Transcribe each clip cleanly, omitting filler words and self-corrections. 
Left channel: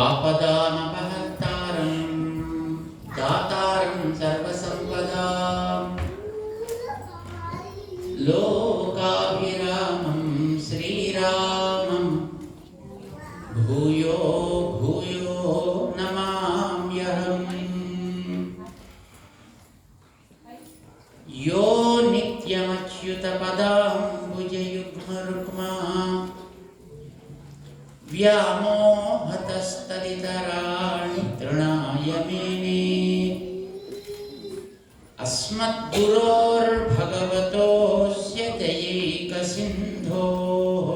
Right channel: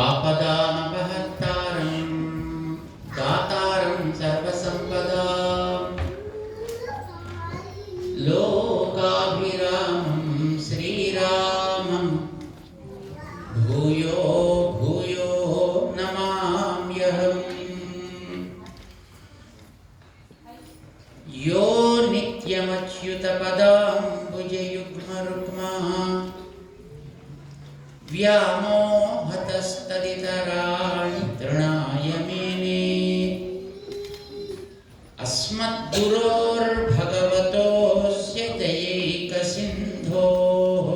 आपदामपहर्तारं दातारं सर्वसम्पदां लोकाभिरामं श्रीरामं भूयो भूयो नमाम्यहम्। यो नित्यमच्युतपदाम्बुजयुग्मरुक्मा व्यामोहतस्तदितराणि तृणाय मेने अस्मद्गुरोर्भगवतोऽस्य दयैकसिन्धोः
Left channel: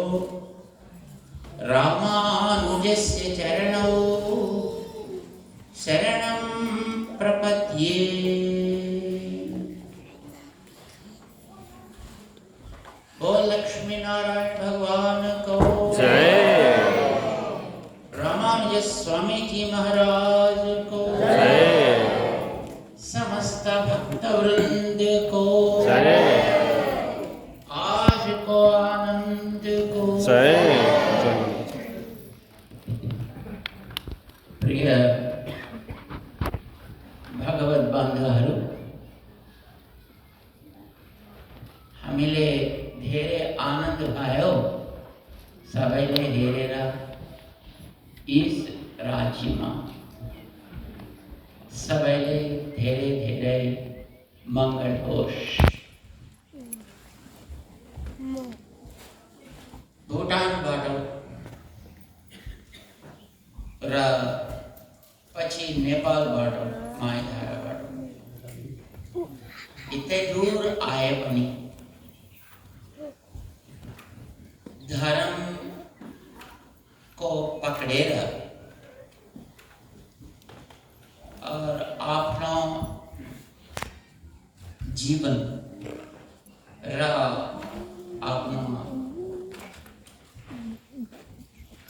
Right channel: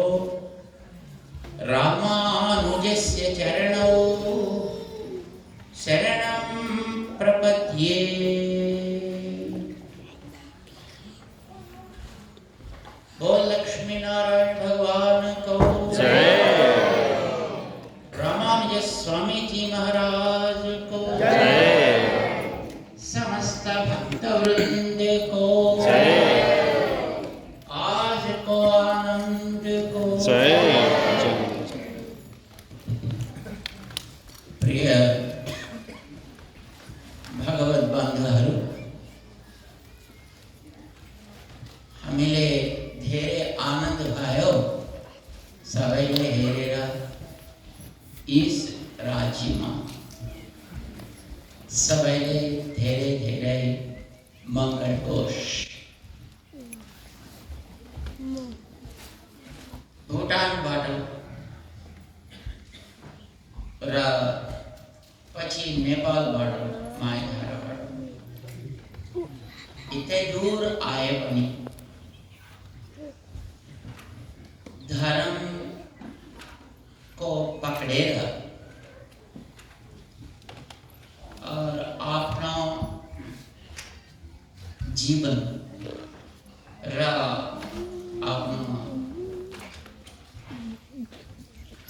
रामानुजस्य चरणौ शरणं प्रपद्ये। बोल लक्ष्मी नारायण भगवान को जय। रामानुज स्वामी जी महाराज को जय। समस्त भक्त वृंद को जय। आज को आनंद को जय। प्रिय भगवत बांधवहरू, हामीले धेरै आनंद भयो सबैले हेरेर इस राज्यमा सबैले धेरै धेरै मङ्गल होस्। भुटानबाट र पछि नेपालबाट माइधाराबाट यति दूर आए पनि धर्म को पकड़ेर और अपना जीवन र अपना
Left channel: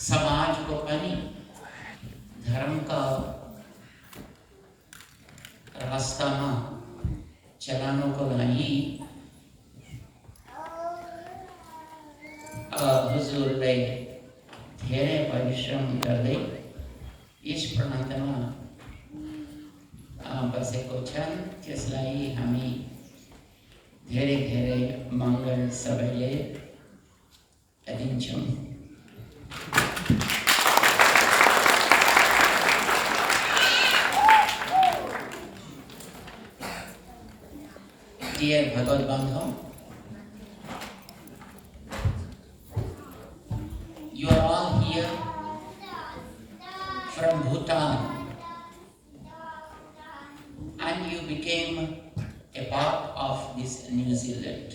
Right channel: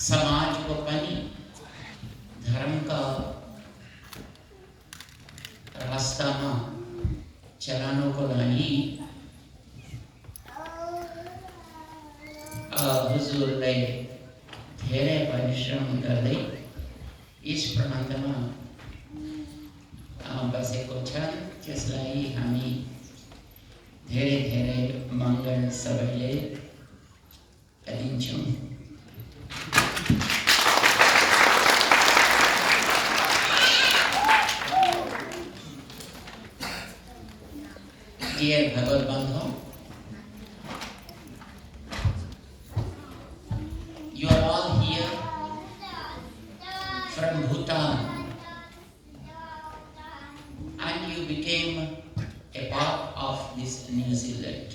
समाज को पनि धर्म का रास्ता में चलाने को लागि हुजूरलाई धेरै परिश्रम गर्दै यस प्रान्तमा बसेको छन्। त्यसलाई हामी धेरै धेरै मङ्गल सबैले दिन्छौँ। Dear Bhagavad Bandha, you are all here from Bhutan and you became a part of this New Zealand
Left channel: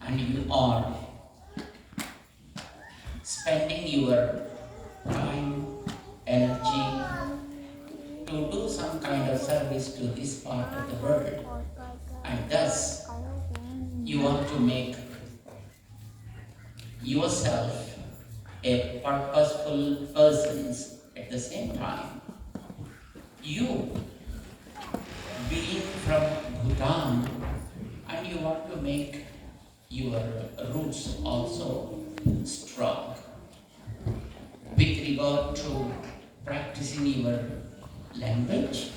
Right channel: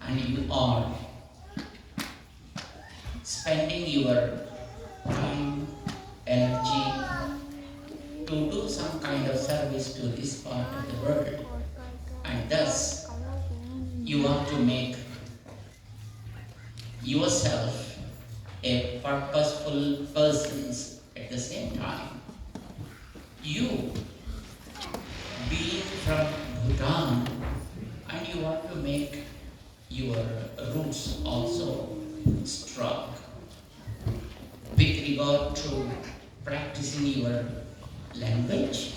and you are spending your time, energy to do some kind of service to this part of the world, and thus you want to make yourself a purposeful person at the same time. You being from Bhutan and you want to make your roots also strong with regard to practicing your language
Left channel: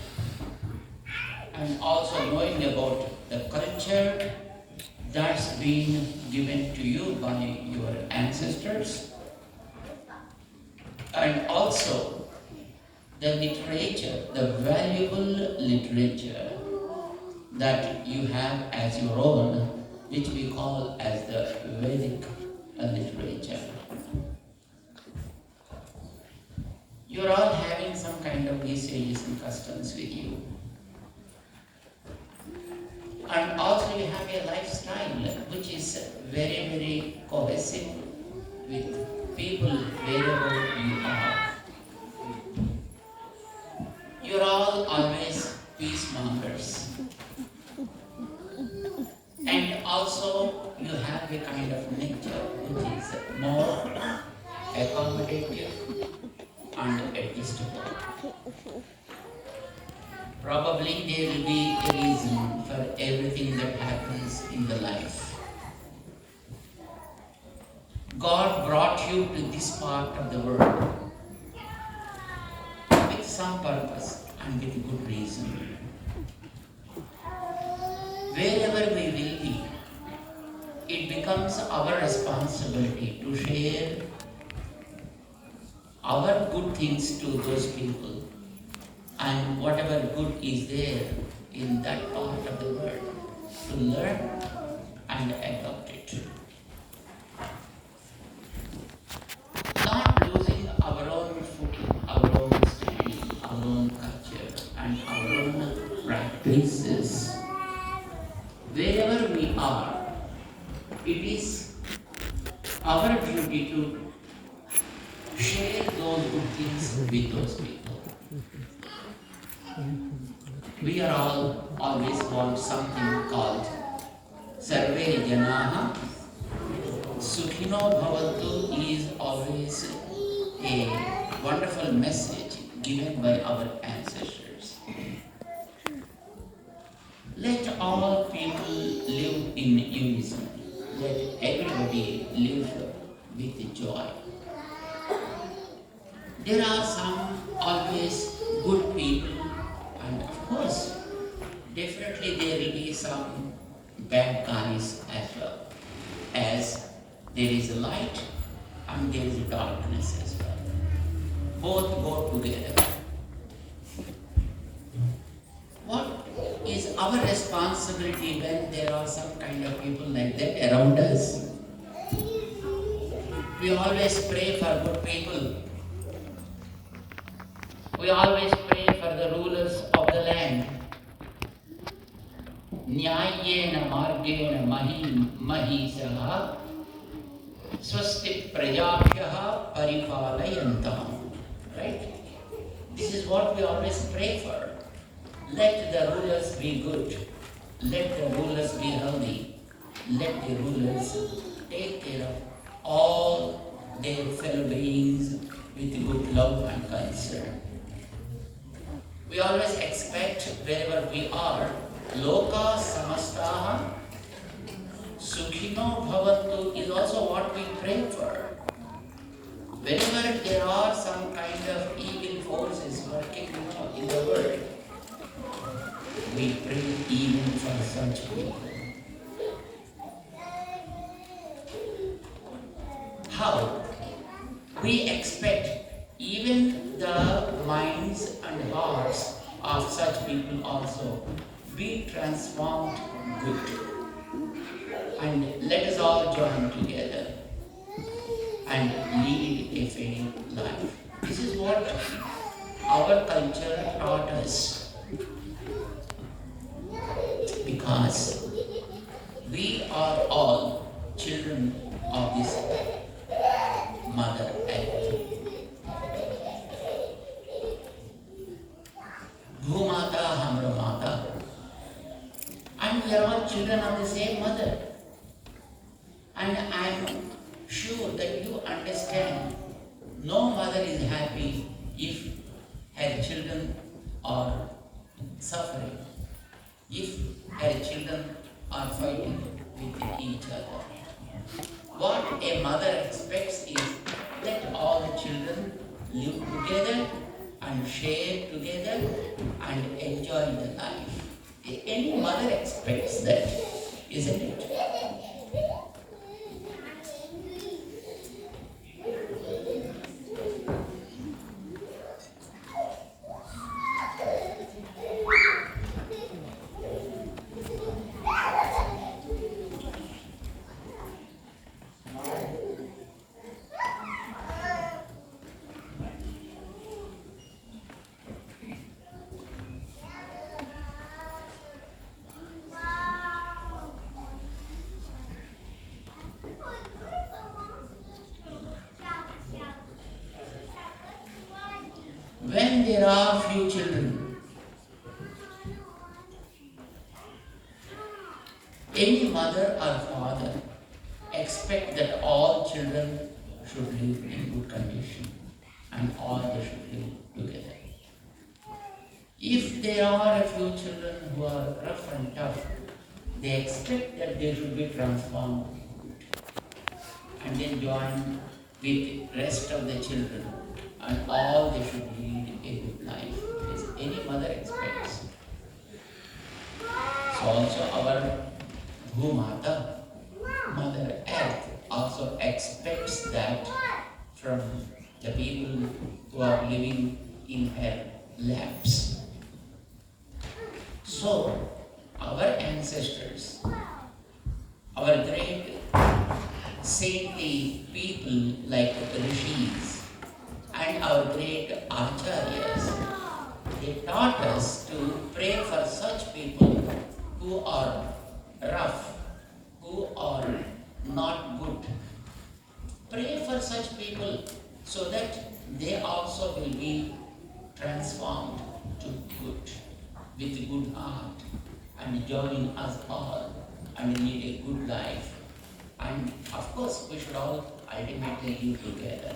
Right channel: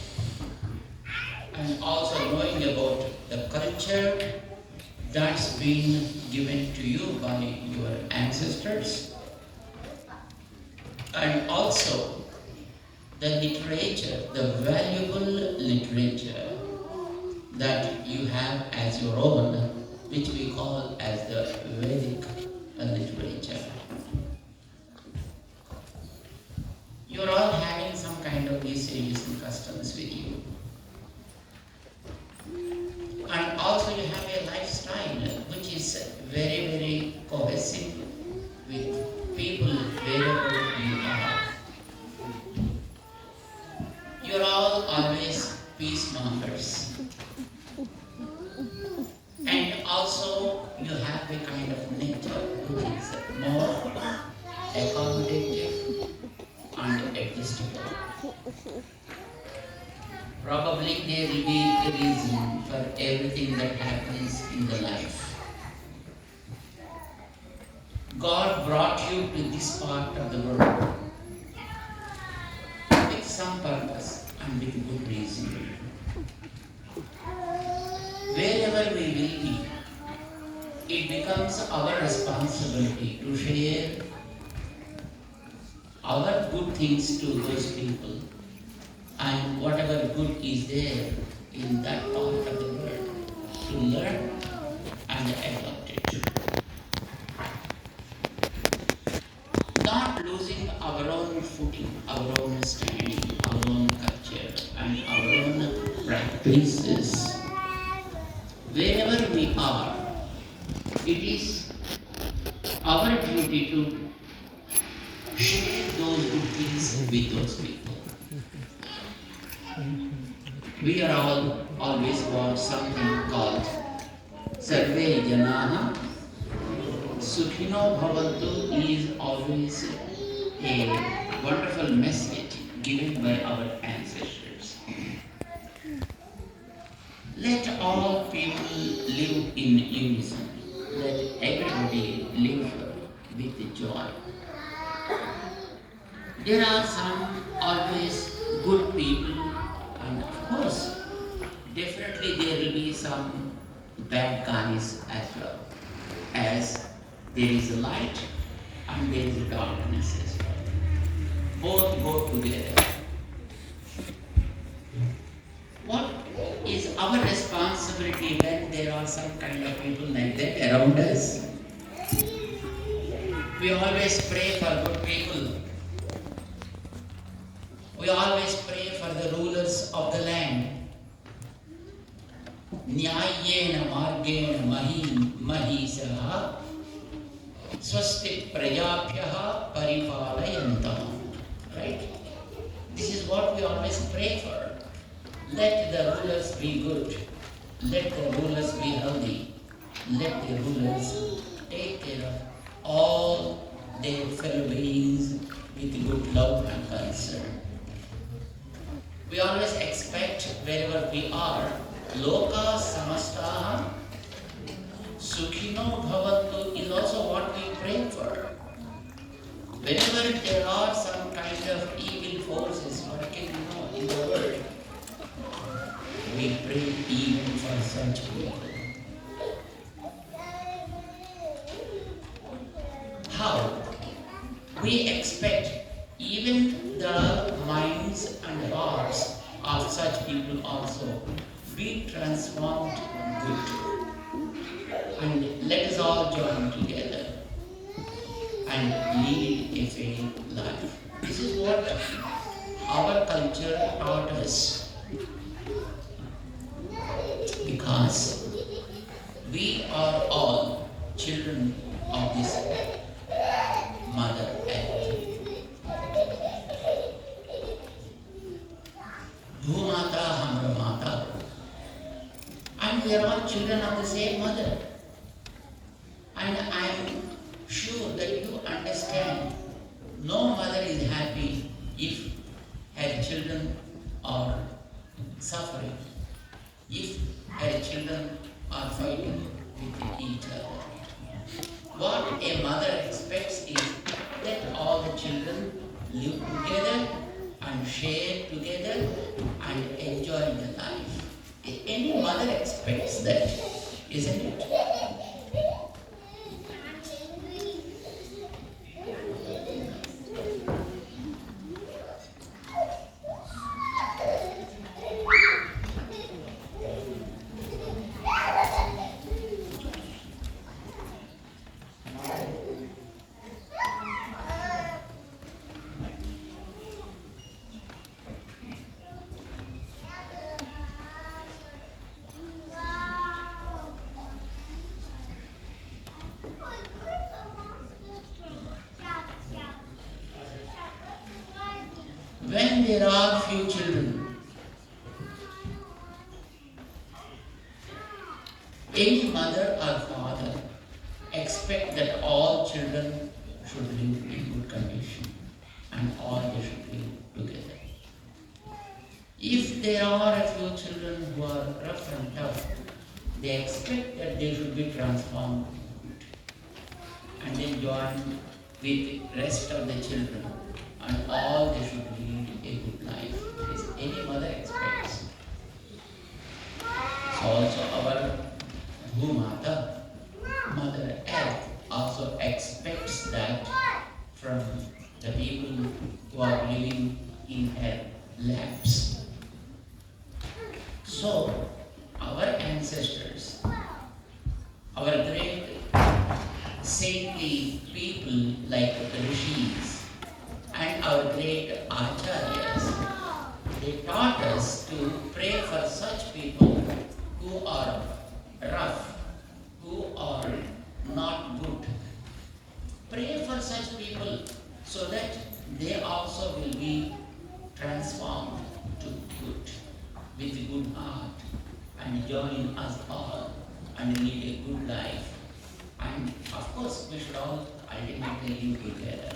and also knowing about the culture that's been given to you by your ancestors, and also the literature, the valuable literature that you have as your own, which we call as the Vedic literature. You're all having some kind of usages and customs with you. And also you have a lifestyle which is very, very cohesive with people wherever you are. You're all always peacemongers. And also you have a kind of nature which is more accommodative and adjustable. Probably there will be a reason for everything that happens in the life. God brought you to this part of the world some purpose and with good reason. Wherever we will be, it becomes our responsibility to share our good things to those people, and whatever good is there in that part of the world, to learn and adopt it. Not losing our own footing, our own standing, our own culture, and our own practices. Wherever we are, it is our duty to share those good things with those people. We are all always want something called Sarve Janaha Sukhino Bhavantu is always a wonderful message given by our ancestors. Let all people live in unison. Let everybody live with joy. There are some always good people, and of course, definitely there will be some bad guys as well. As there is light and there is darkness as well. Both go together. What is our responsibility when there are some kind of people like that around us? We always pray for good people. We always pray for the rulers of the land. Nyayena margena mahisaha swasti prajabhyaha paripalayantam. Right? This is what we always pray for. Let the rulers be good. Let the rulers be healthy. Let the rulers take care of all their fellow beings with good love and concern. We always expect wherever we are, Loka Samastaha Sukhino Bhavantu is also what we pray for. Whenever there are some kind of evil forces working in the world, we pray even for such people. How? We expect even the minds and hearts of such people also be transformed good. And let us all join together and lead a fair life. This is what our culture taught us. Because we are all children of this Mother Earth. Bhumata Hamra Mata. And we are all children of the same mother. And I am sure that you understand, no mother is happy if her children are suffering, if her children are fighting with each other. What a mother expects is let all the children live together and share together and enjoy the life. Any mother expects that, isn't it? When there are few children, any mother or father expect that all children should live in good condition and all they should live together. If there are a few children who are rough and tough, they expect that they should be transformed and then join with rest of the children, and all they should lead a good life, as any mother expects. So also our Bhumata, Mother Earth, also expects that from the people who are living in her laps. So our ancestors, our great saintly people like the rishis and our great acharyas, they taught us to pray for such people who are rough, who are not good. Pray for such people so that they also will be transformed to good, with a good heart, and join us all and lead a good life. And of course, we should all ultimately live together.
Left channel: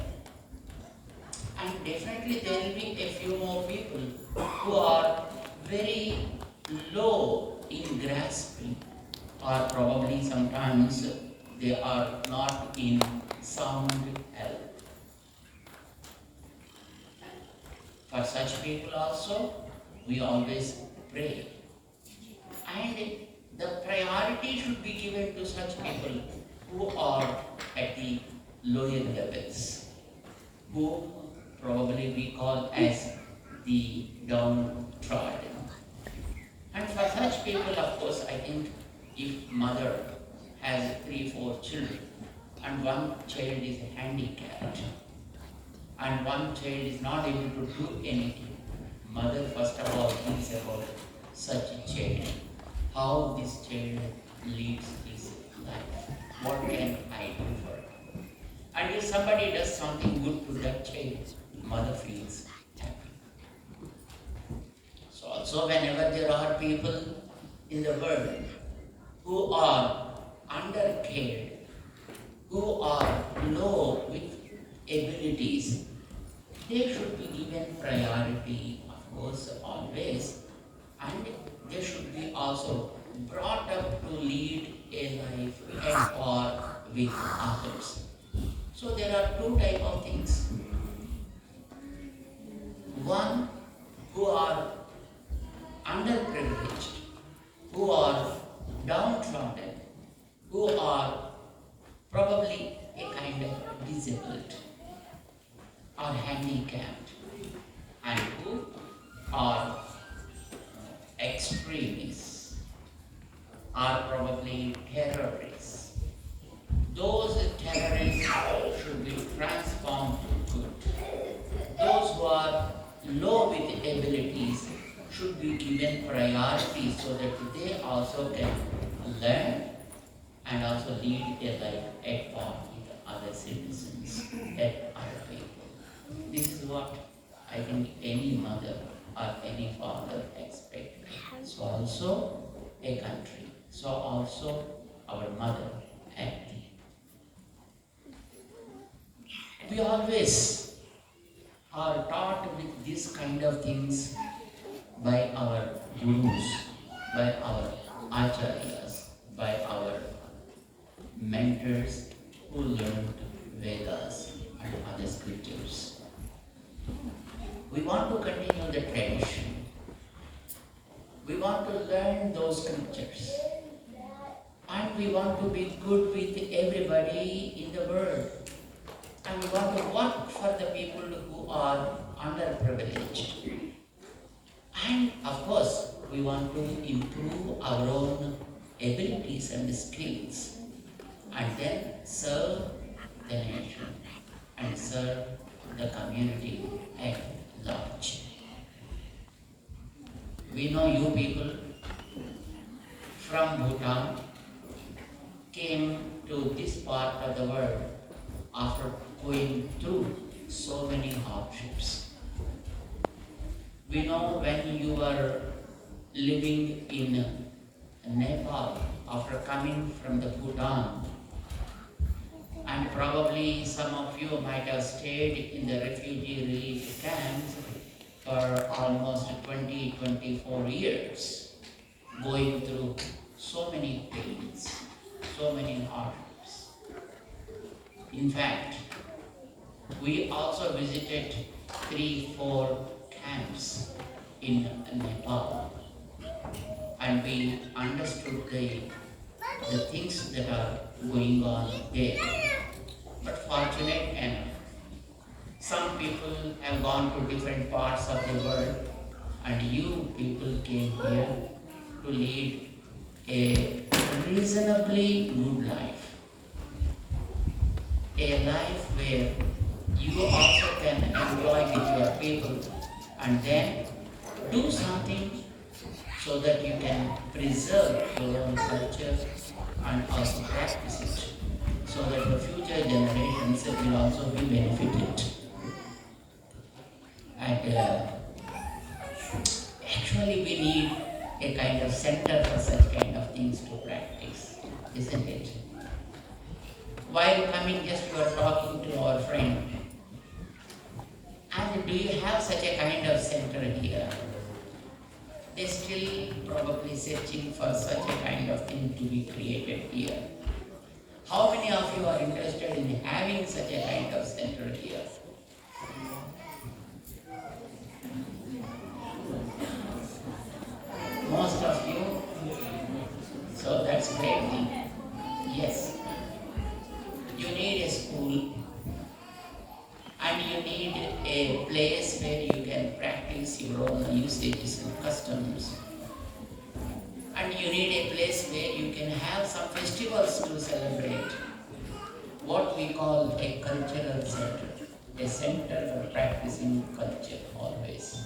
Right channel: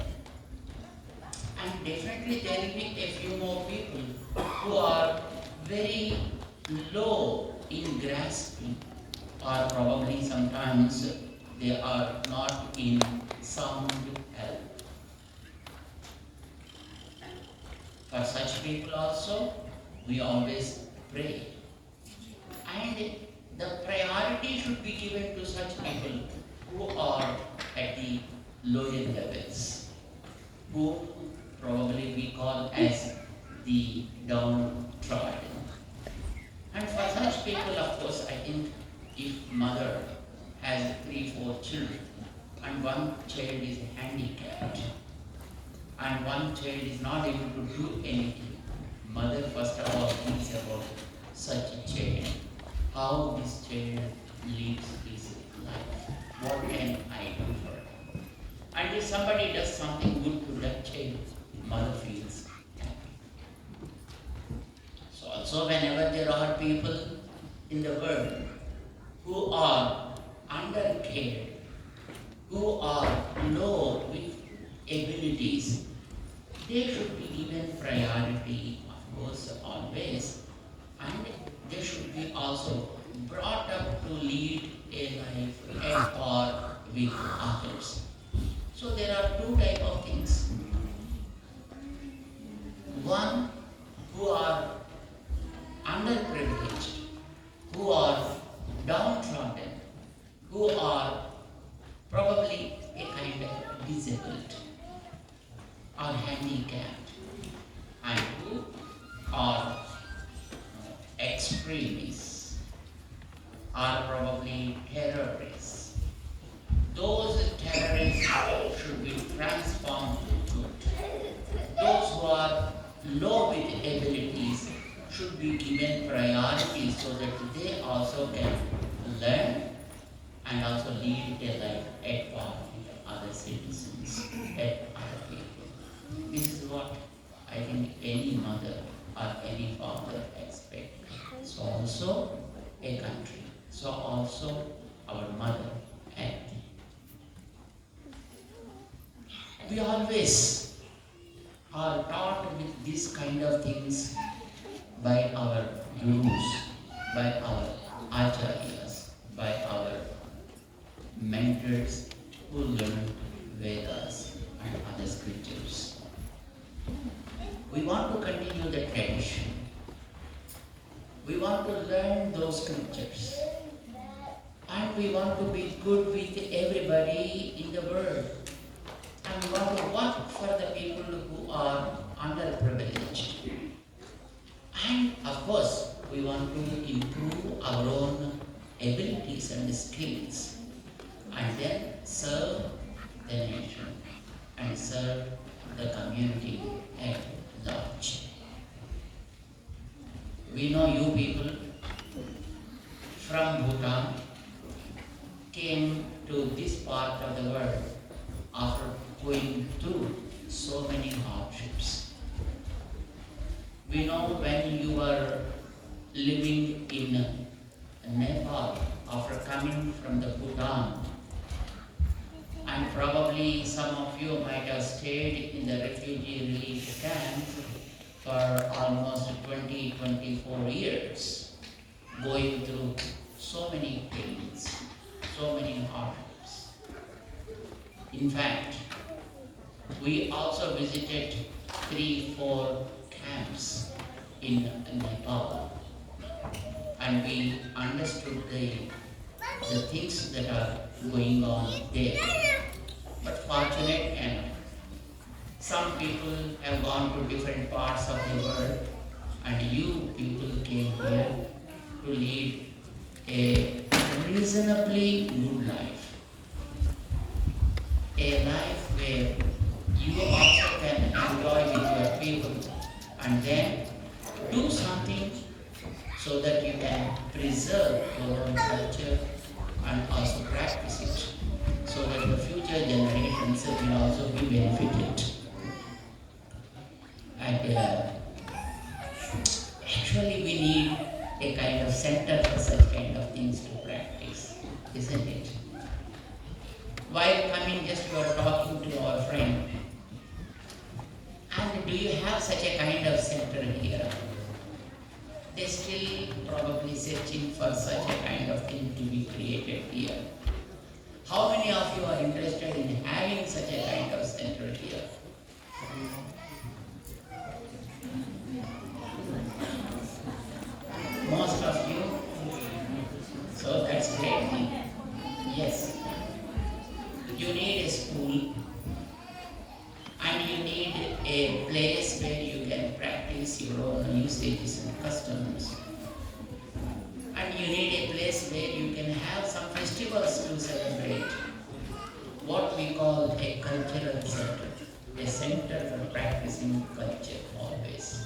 And definitely there will be a few more people who are very low in grasping, or probably sometimes they are not in sound health. For such people also, we always pray. And the priority should be given to such people who are at the lower levels, who probably we call as the downtrodden. And for such people, of course, I think if mother has 3-4 children, and one child is handicapped, and one child is not able to do anything, mother first of all thinks about such a child, how this child lives his life, what can I do for him? And if somebody does something good to that child, mother feels happy. So also whenever there are people in the world who are undercared, who are low with abilities, they should be given priority, of course, always, and they should be also brought up to lead a life at par with others. So there are two types of things. One, who are underprivileged, who are downtrodden, who are probably a kind of disabled or handicapped, and who are extremists, are probably terrorists. Those terrorists should be transformed to good. Those who are low with abilities should be given priority so that they also can learn and also lead a life at par with other citizens, at other people. This is what I think any mother or any father expect. So also a country, so also our mother and we always are taught with this kind of things by our gurus, by our acharyas, by our mentors who learned Vedas and other scriptures. We want to continue the tradition. We want to learn those scriptures. And we want to be good with everybody in the world. And we want to work for the people who are underprivileged. And of course, we want to improve our own abilities and skills, and then serve the nation and serve the community at large. We know you people from Bhutan came to this part of the world after going through so many hardships. We know when you were living in Nepal after coming from the Bhutan, and probably some of you might have stayed in the refugee relief camps for almost 20-24 years, going through so many pains, so many hardships. In fact, We also visited 3-4 camps in Nepal, and we understood the things that are going on there. But fortunate enough, some people have gone to different parts of the world, and you people came here to lead a reasonably good life. A life where you also can enjoy with your people and then do something so that you can preserve your own culture and also practice it so that the future generations will also be benefited. And actually we need a kind of center for such kind of things to practice, isn't it? While coming, just we were talking to our friend, and do you have such a kind of center here? They're still probably searching for such a kind of thing to be created here. How many of you are interested in having such a kind of center here? Most of you? So that's great thing. Yes. You need a school and you need a place where you can practice your own usages and customs. And you need a place where you can have some festivals to celebrate. What we call a cultural center. A center for practicing culture always.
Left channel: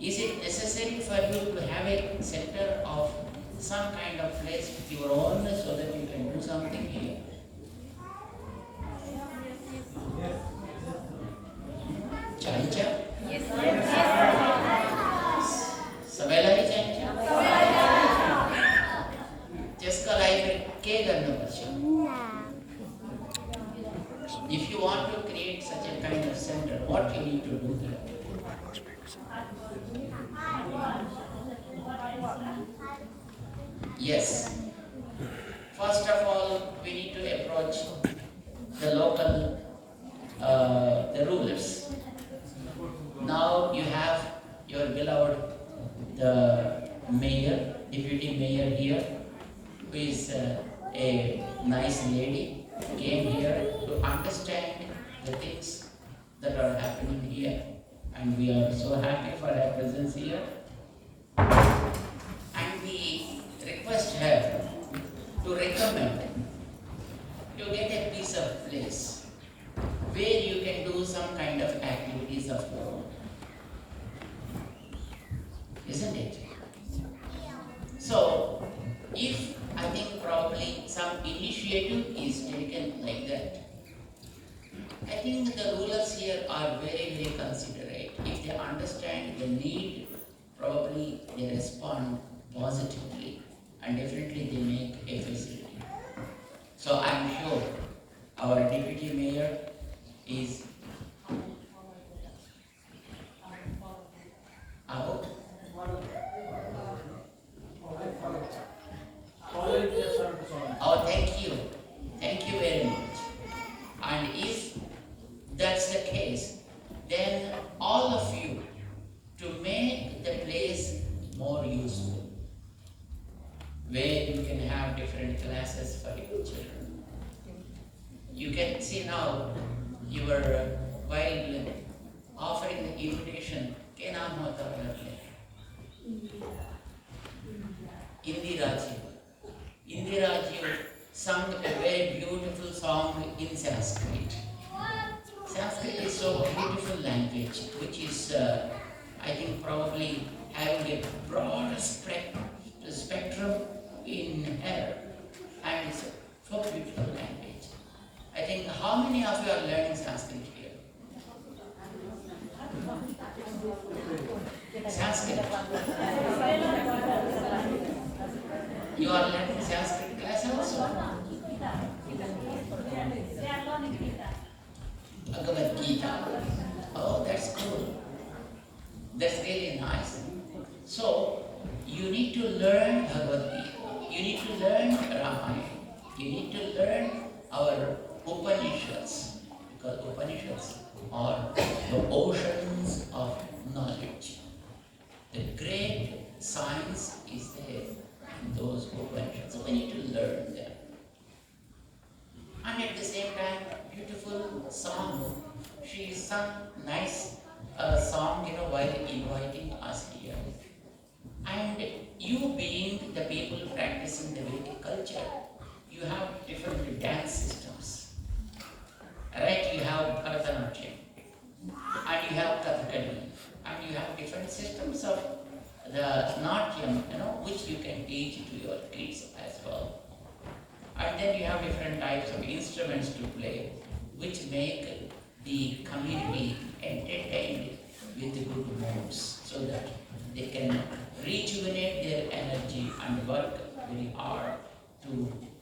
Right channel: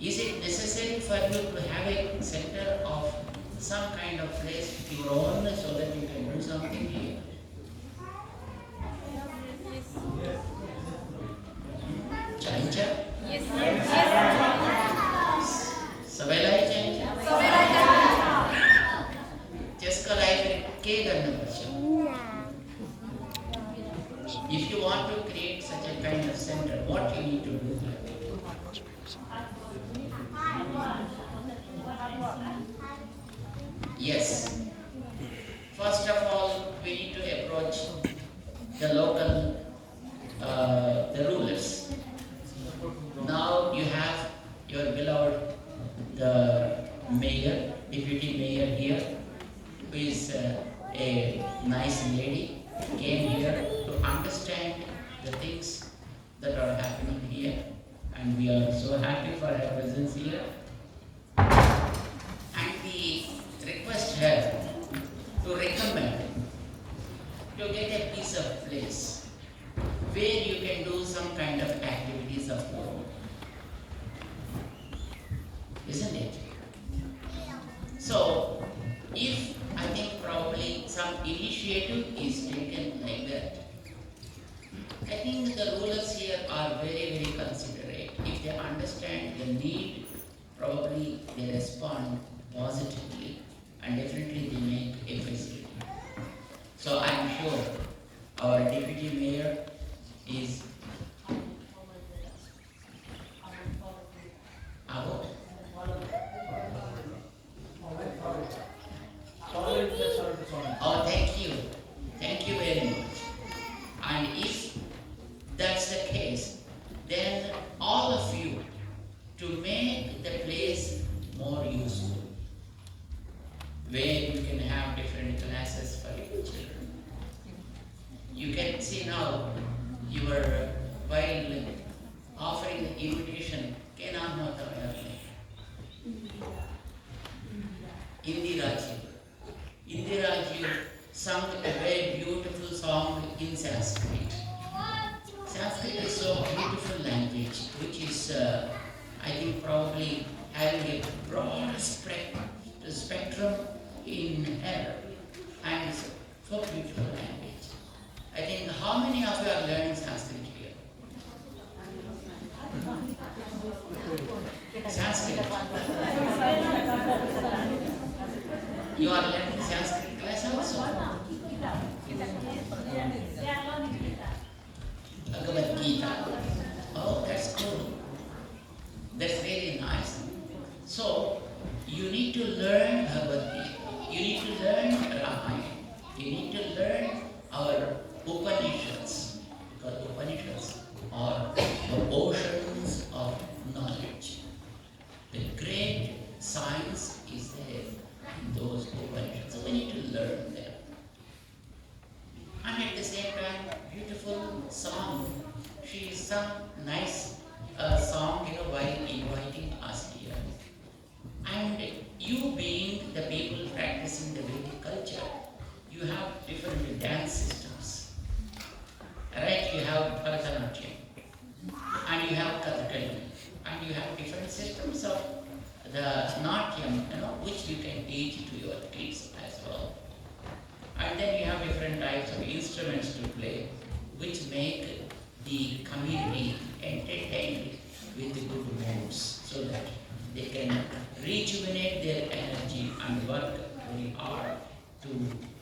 Is it necessary for you to have a center of some kind of place with your own so that you can do something here? Chancha? Yes. Sabelai chancha? Just life ke karna parcha. If you want to create such a kind of center, what you need to do here? Yes. First of all, we need to approach the local, the rulers. Now you have your beloved, the mayor, deputy mayor here, who is a nice lady, came here to understand the things that are happening here. And we are so happy for her presence here. And we request her to recommend to get a piece of place where you can do some kind of activities of your own. Isn't it? So, if I think probably some initiative is taken like that, I think the rulers here are very, very considerate. If they understand the need, probably they respond positively and definitely they make a facility. So I'm sure our deputy mayor is about. Oh, thank you. Thank you very much. And if that's the case, then all of you to make the place more useful, where you can have different classes for your children. You can see now, while offering the invitation, Indiraji sung a very beautiful song in Sanskrit. Sanskrit is so beautiful language, which is, I think, probably having a broader spectrum in air, and it's so beautiful language. I think, how many of you are learning Sanskrit here? Sanskrit. You are learning Sanskrit class also? Bhagavad Gita. Oh, that's cool. That's really nice. So, you need to learn Bhagavad Gita. You need to learn Ramayana. You need to learn song. She sung nice song, while inviting us here. And you being the people practicing the Vedic culture, you have different dance systems. Right? You have Bharatanatyam, and you have Kathakali, and you have different systems of the Natyam, which you can teach to your kids as well. And then you have different types of instruments to play, which make the community entertained with good moods, so that they can rejuvenate their energy and work very hard to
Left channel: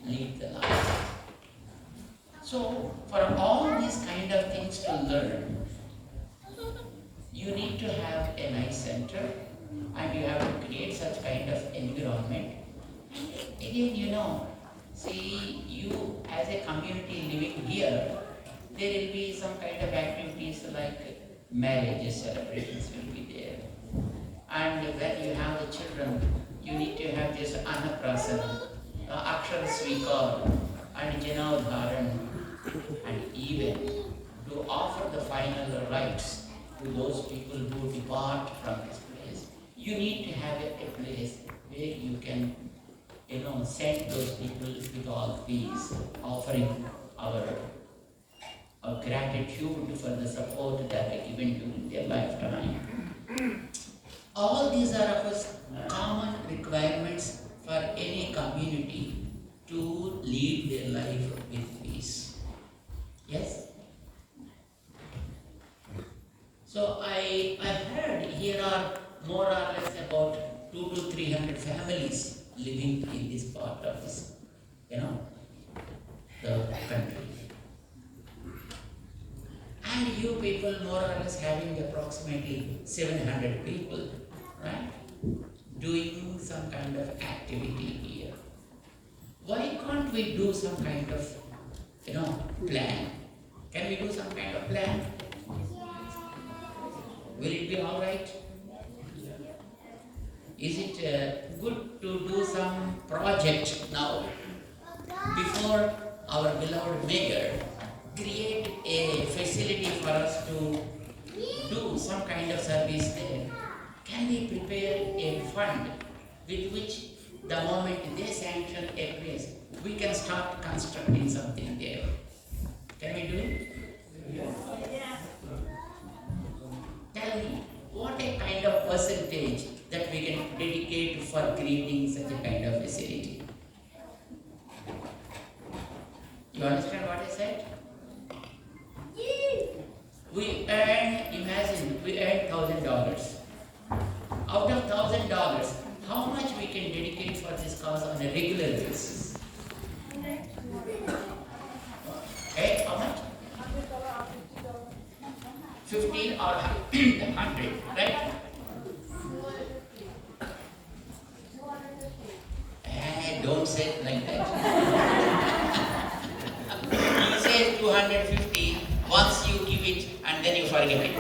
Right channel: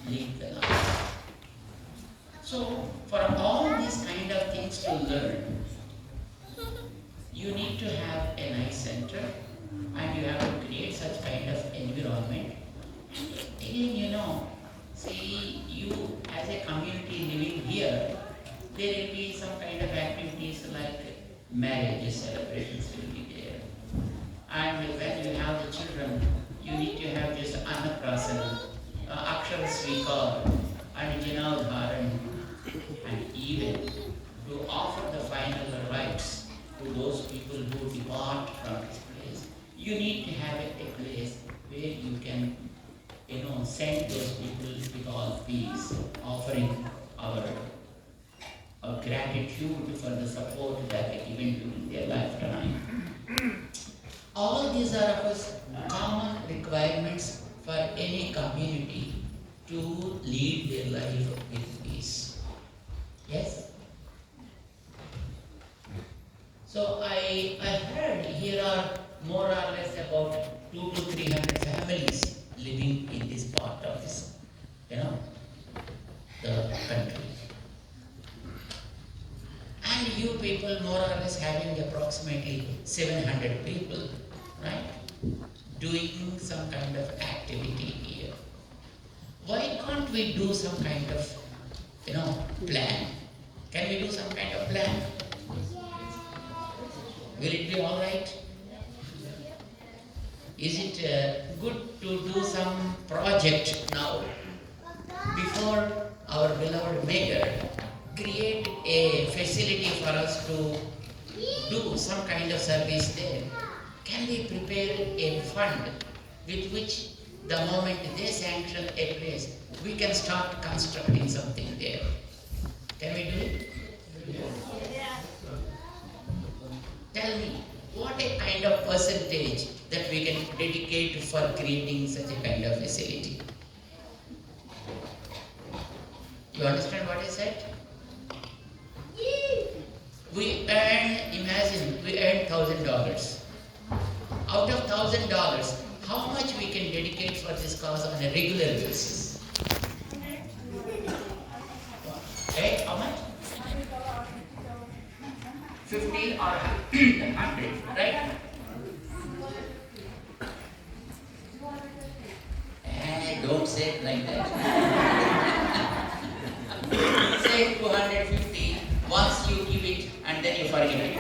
lead the life. So, for all these kind of things to learn, you need to have a nice center, and you have to create such kind of environment. Again, see, you as a community living here, there will be some kind of activities like marriage celebrations will be there. And when you have the children, you need to have just Annaprasana, Akshara Svikar, and Janavdharan, and even to offer the final rites to those people who depart from this place. You need to have a place where you can, send those people with all peace, offering our gratitude for the support that they given during their lifetime. All these are, of course, common requirements for any community to lead their life with peace. Yes? So I heard here are more or less about 200 to 300 families living in this part of this, the country. And you people more or less having approximately 700 people, right? Doing some kind of activity here. Why can't we do some kind of, plan? Can we do some kind of plan? Will it be all right? Is it good to do some project now before our beloved mayor create a facility for us to do some kind of service there? Can we prepare a fund with which the moment they sanction a place, we can start constructing something there? Can we do it? Tell me, what a kind of percentage that we can dedicate for creating such a kind of facility? You understand what I said? Imagine we earn $1,000. Out of $1,000, how much we can dedicate for this cause on a regular basis? Hey, how much? 50 or 100, right? Don't say it like that. You say 250, once you give it and then you forget it.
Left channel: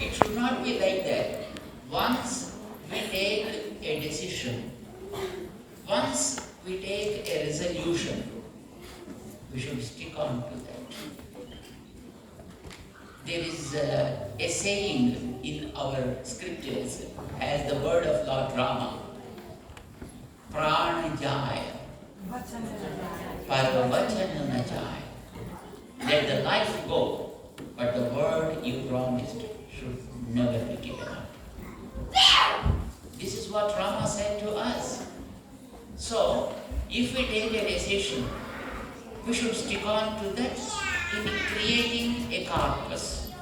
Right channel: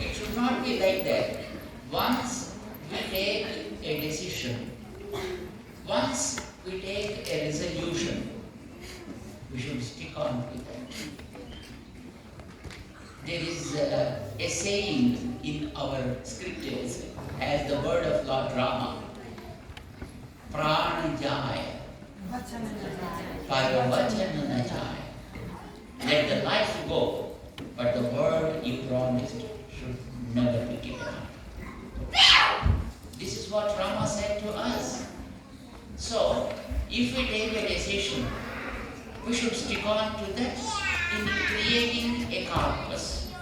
It should not be like that. Once we take a decision, once we take a resolution, we should stick on to that. There is a saying in our scriptures as the word of Lord Rama, Prana Jaya, Parvachan na Jaya. Let the life go, but the word you promised should never be given up. This is what Rama said to us. So, if we take a decision, we should stick on to that in creating a corpus.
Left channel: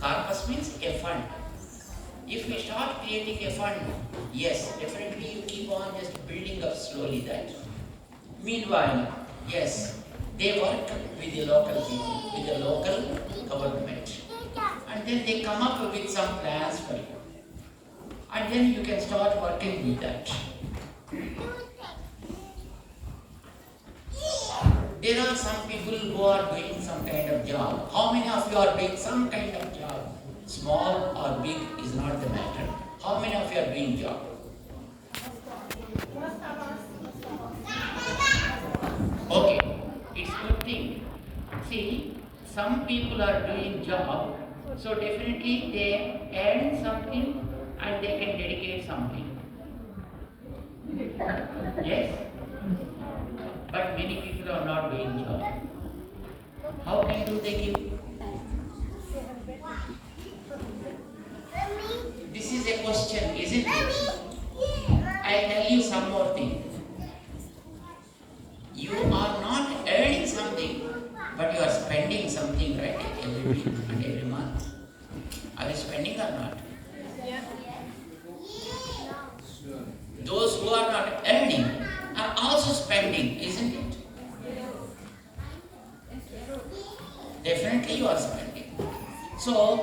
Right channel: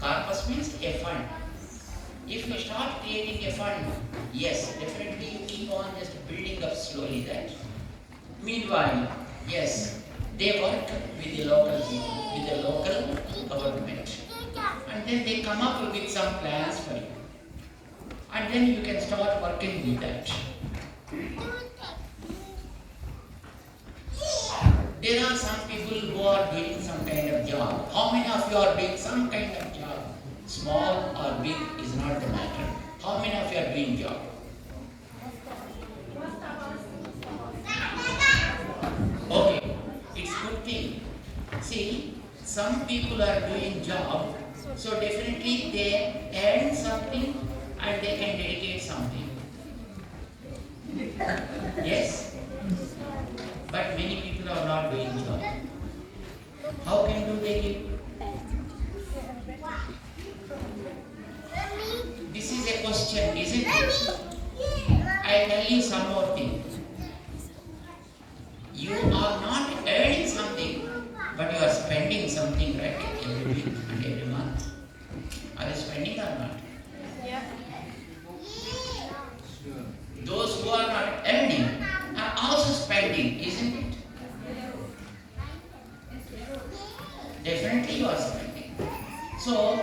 Corpus means a fund. If we start creating a fund, yes, definitely you keep on just building up slowly that. Meanwhile, yes, they work with the local people, with the local government. And then they come up with some plans for you. And then you can start working with that. There are some people who are doing some kind of job. How many of you are doing some kind of job? Small or big is not the matter. How many of you are doing job? Okay, it's some people are doing job, so definitely they earn something and they can dedicate something. Yes? But many people are not doing job. How can do they give? This is a question, isn't it? I tell you some more thing. You are not earning something, but you are spending something, right? Every week and every month. Are you spending or not? Yeah. Those who are not earning are also spending, isn't it? Definitely you are spending. So,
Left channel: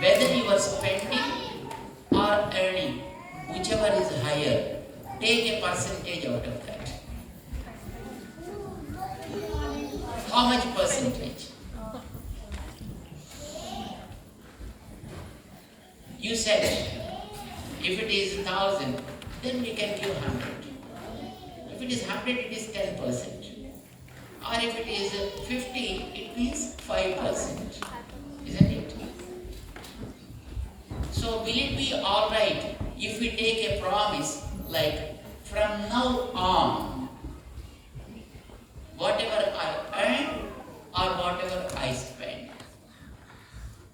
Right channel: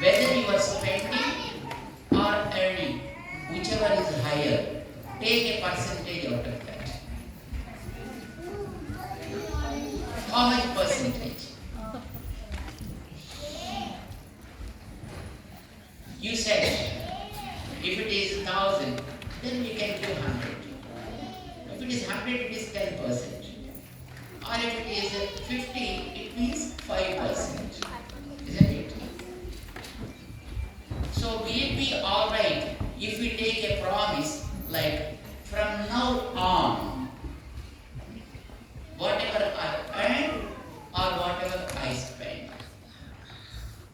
whether you are spending or earning, whichever is higher, take a percentage out of that. How much percentage? You said, if it is 1,000, then we can give 100. If it is 100, it is 10%. Or if it is 50, it means 5%. Isn't it? So will it be alright if we take a promise like from now on, whatever I earn or whatever I spend,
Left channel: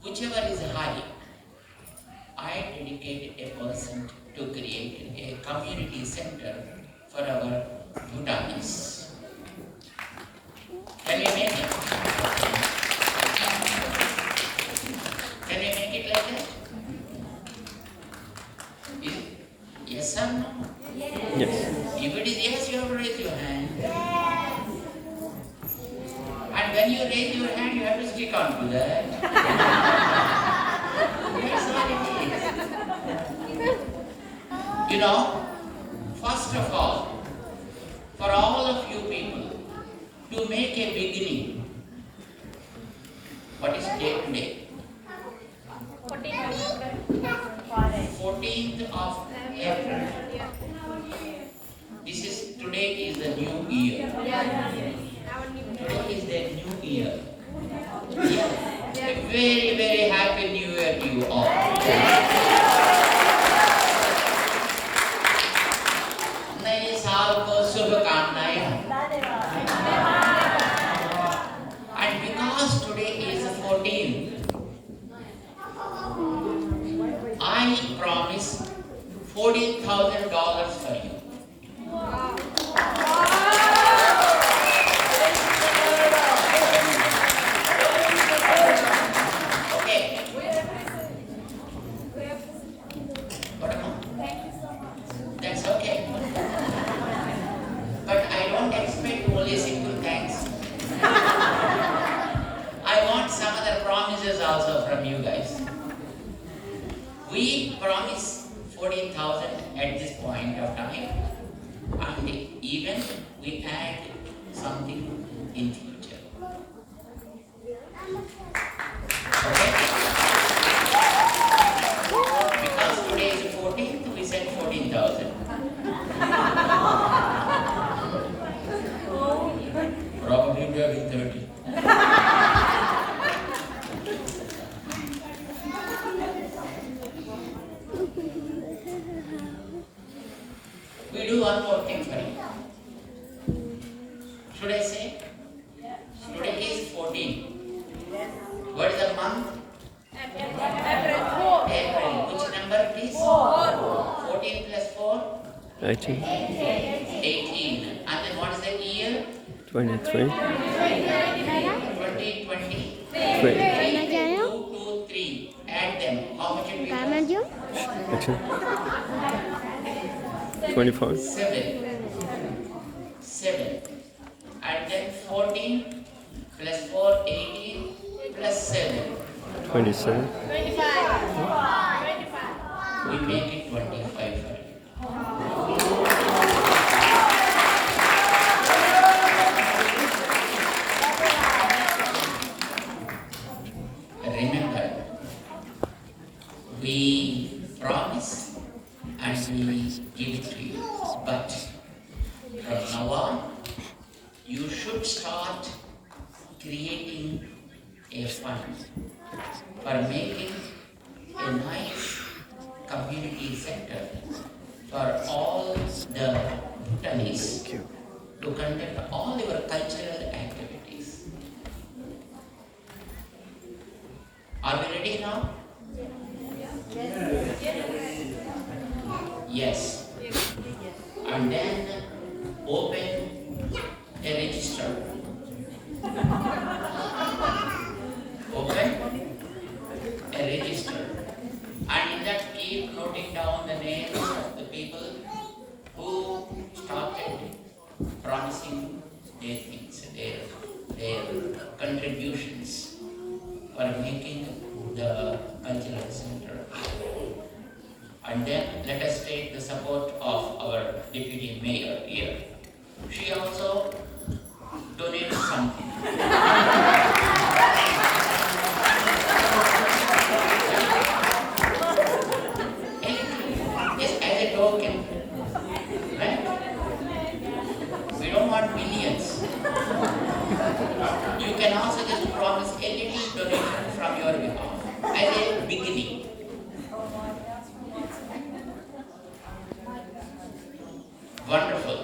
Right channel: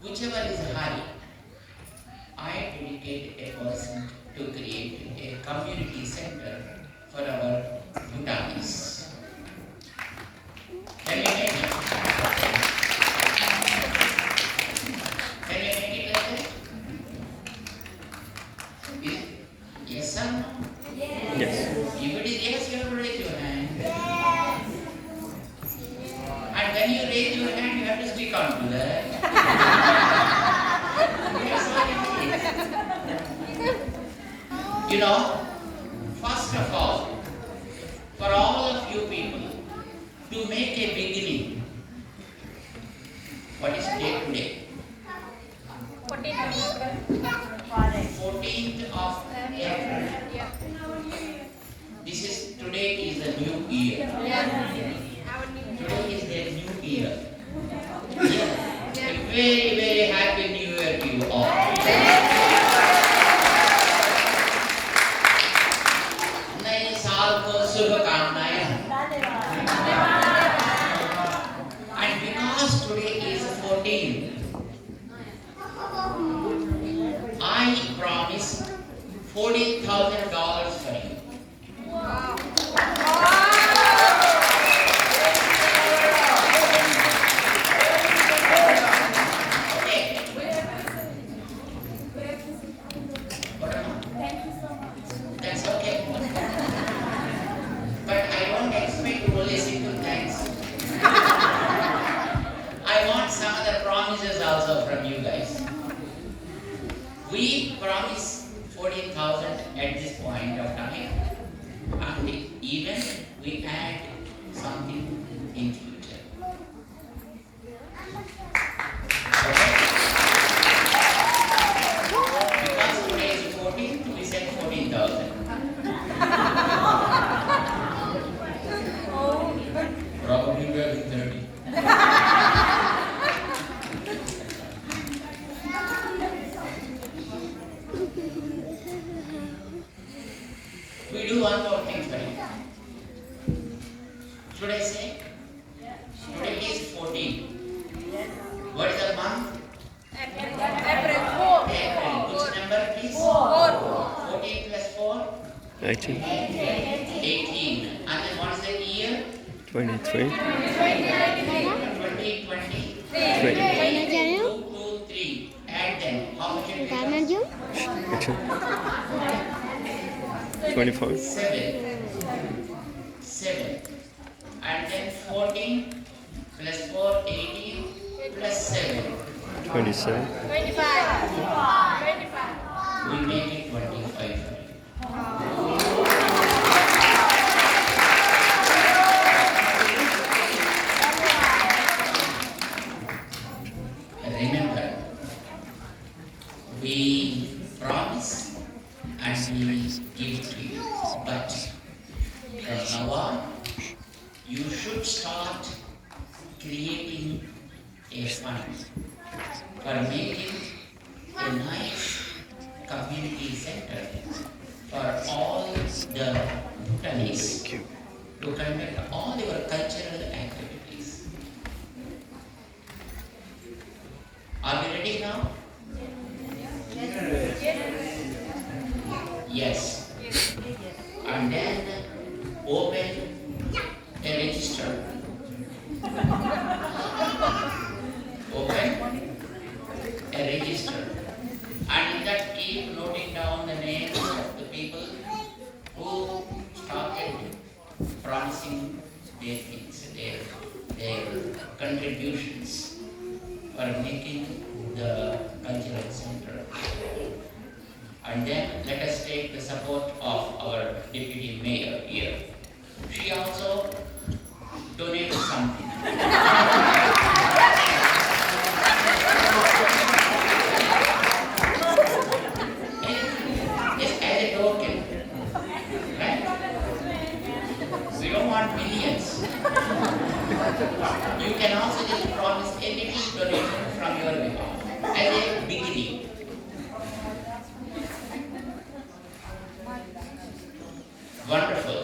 whichever is high, I dedicate a person to create a community center for our Bhutanis. Can we make it? Can we make it like that? Yes or no? Yes. If it is yes, you have to raise your hand. And when you raise your hand, you have to stick on to that. That's all it is. You know, first of all, for all of you people, to make a beginning, what is date today? 14th of April. Yeah. This is, today is the new year. Yeah. Our new Today is the new year. Yeah. A very, very happy new year to you all. नए साल को शुभकामनाएं. And because today is 14th, I promise $14,000 for you. Wow. Okay. What am I? That's okay. But I don't expect only simple thanks. I want some other promises also from you guys. We promise 14,000 at this point of time, and even we add something in future. Okay? Because today is 14th, we said 14,000. Probably we are in 30. We do one more thing for you. Should I say? Today is 14. What is the month? April. April. Which number it is? 14 plus 4? 18, 18. And then what is the year? 23, 2020. 3, 2, 2, 3. Add them. How much it becomes? 24, 7. And then 14 plus 4, 18 plus 7. 27, 25. We make it 25 for you. Remember, we promise and we give to you. But from now on, you should start creating a fund for making a nice community center for all the Bhutanis to conduct all your cultural activities. Are we ready now? Yes. And then open a register. Open a register. And in that keep noting down the names of the people who started promising their things, their contributions for making the cultural center. And then let us take the support of our deputy mayor here. She also donates something. Just as a token, right? We don't want millions. You can also just promise a little donation from your behalf as a beginning. Wonderful.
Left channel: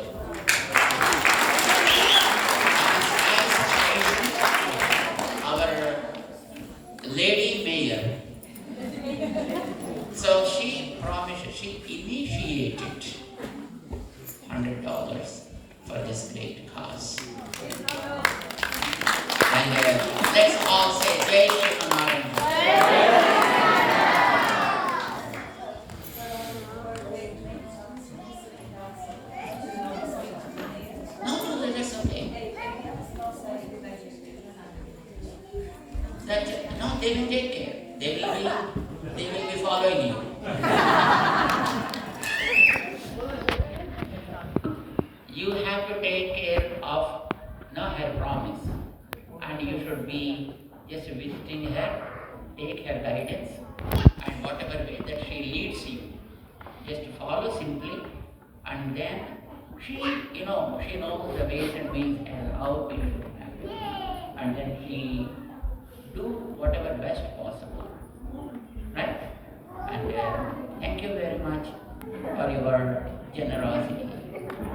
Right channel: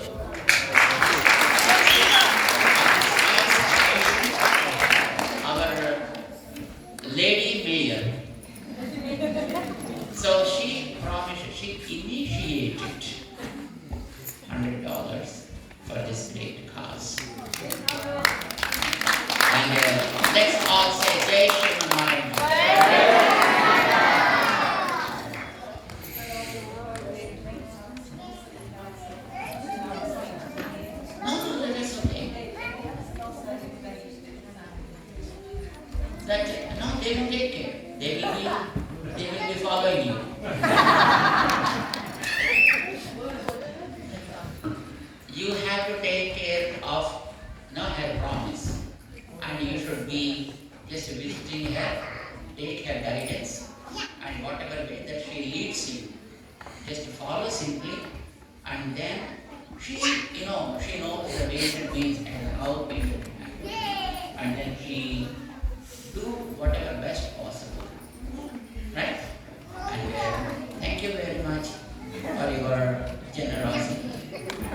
Our lady mayor. So she promised, she initiated $100 for this great cause. And let's all say Jai Shri Narayana. No, that's okay. That no, they will take care. They will be following you. You have to take care of her promise, and you should be just visiting her, take her guidance, and whatever way that she leads you, just follow simply, and then she knows the ways and means and how we should act, and then she do whatever best possible, right? And thank you very much for your generosity.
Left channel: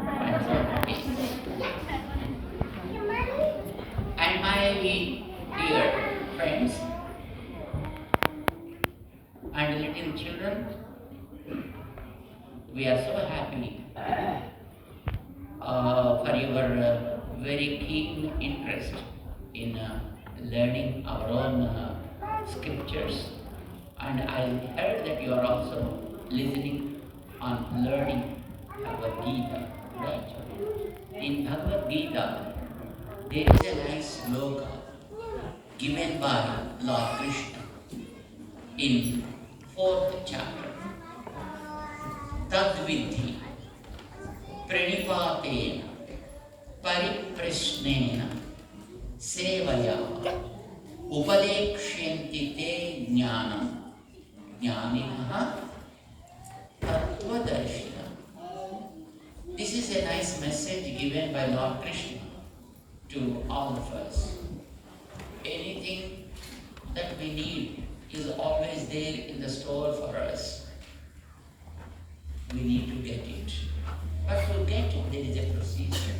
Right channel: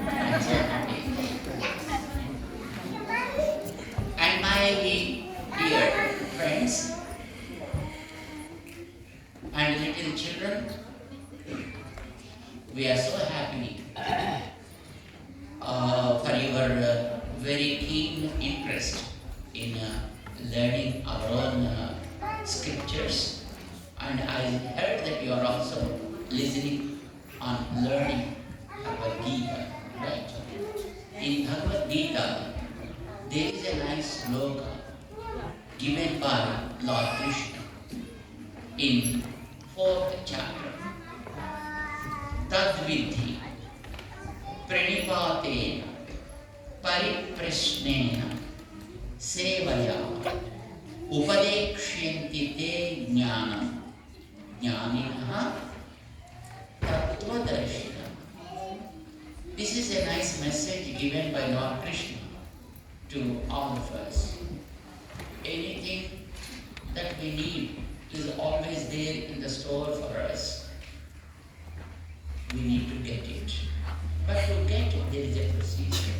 I'm so happy. And my dear friends and little children, we are so happy for your very keen interest in learning our own scriptures. And I heard that you are also listening on learning Bhagavad Gita, right? In Bhagavad Gita, there is a nice sloka given by Lord Krishna in 4th chapter. Tadvidhi pranipatena pariprasnena sevaya upadekshyanti te jnanam jnaninaha tattvadarshina. This is a nice message given by Lord Krishna to all of us. Anything that we need is always there in the store for us. We need to get it. But to get it, there is a procedure.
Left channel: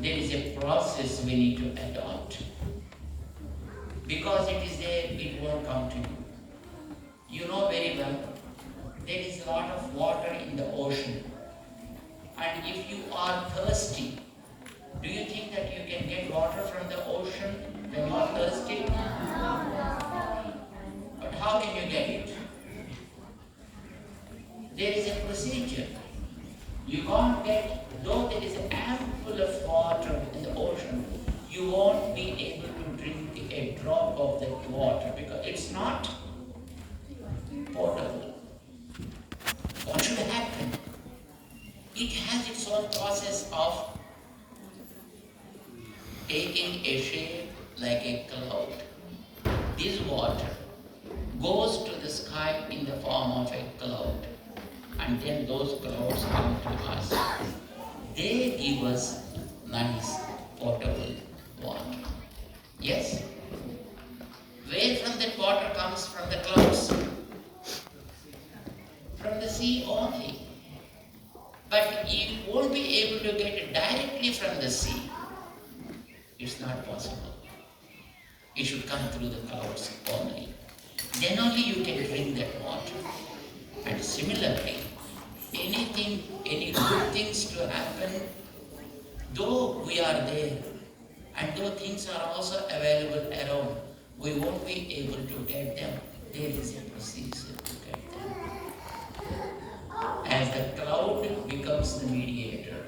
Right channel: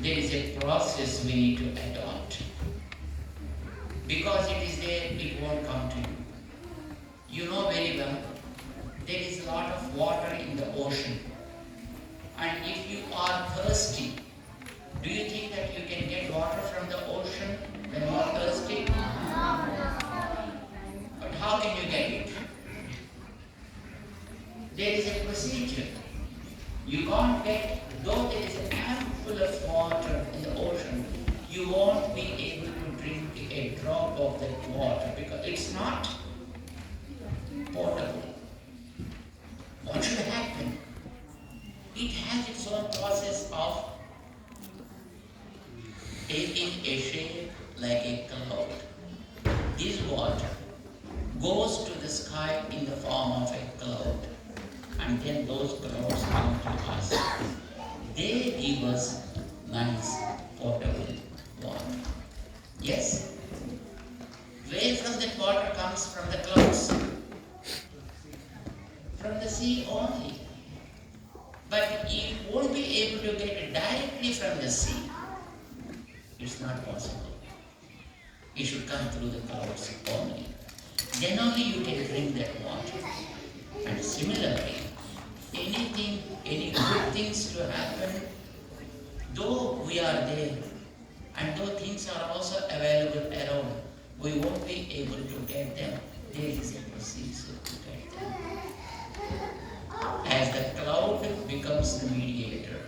There is a process we need to adopt. Because it is there, it won't come to you. You know very well, there is a lot of water in the ocean. And if you are thirsty, do you think that you can get water from the ocean when you are thirsty? But how can you get it? There is a procedure. You can't get, though there is an ample of water in the ocean, you won't be able to drink a drop of that water because it's not potable. What should happen? It has its own process of taking a shape like a cloud. This water goes to the sky in the form of a cloud, and then those clouds come to us. They give us nice potable water. But you won't be able to get it directly from the sea. It's not possible. It should come through the clouds only. Then only you can drink that water. And similarly, any good things to happen, though we are there, and though things are also available around, we won't be able to get them. There is a procedure to get them. As the cloud becomes the mediator.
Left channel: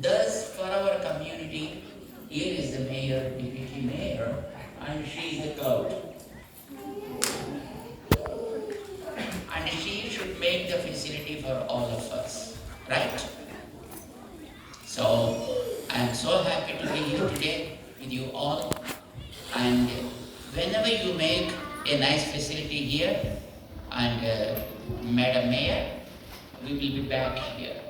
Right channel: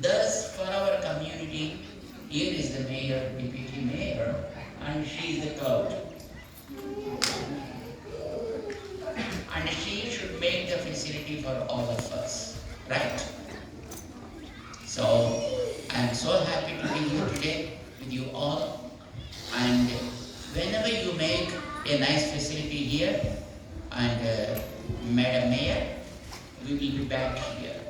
Thus, for our community, here is the mayor, deputy mayor, and she is the cloud. And she should make the facility for all of us, right? So, I am so happy to be here today with you all. And whenever you make a nice facility here, and Madam Mayor, we will be back here.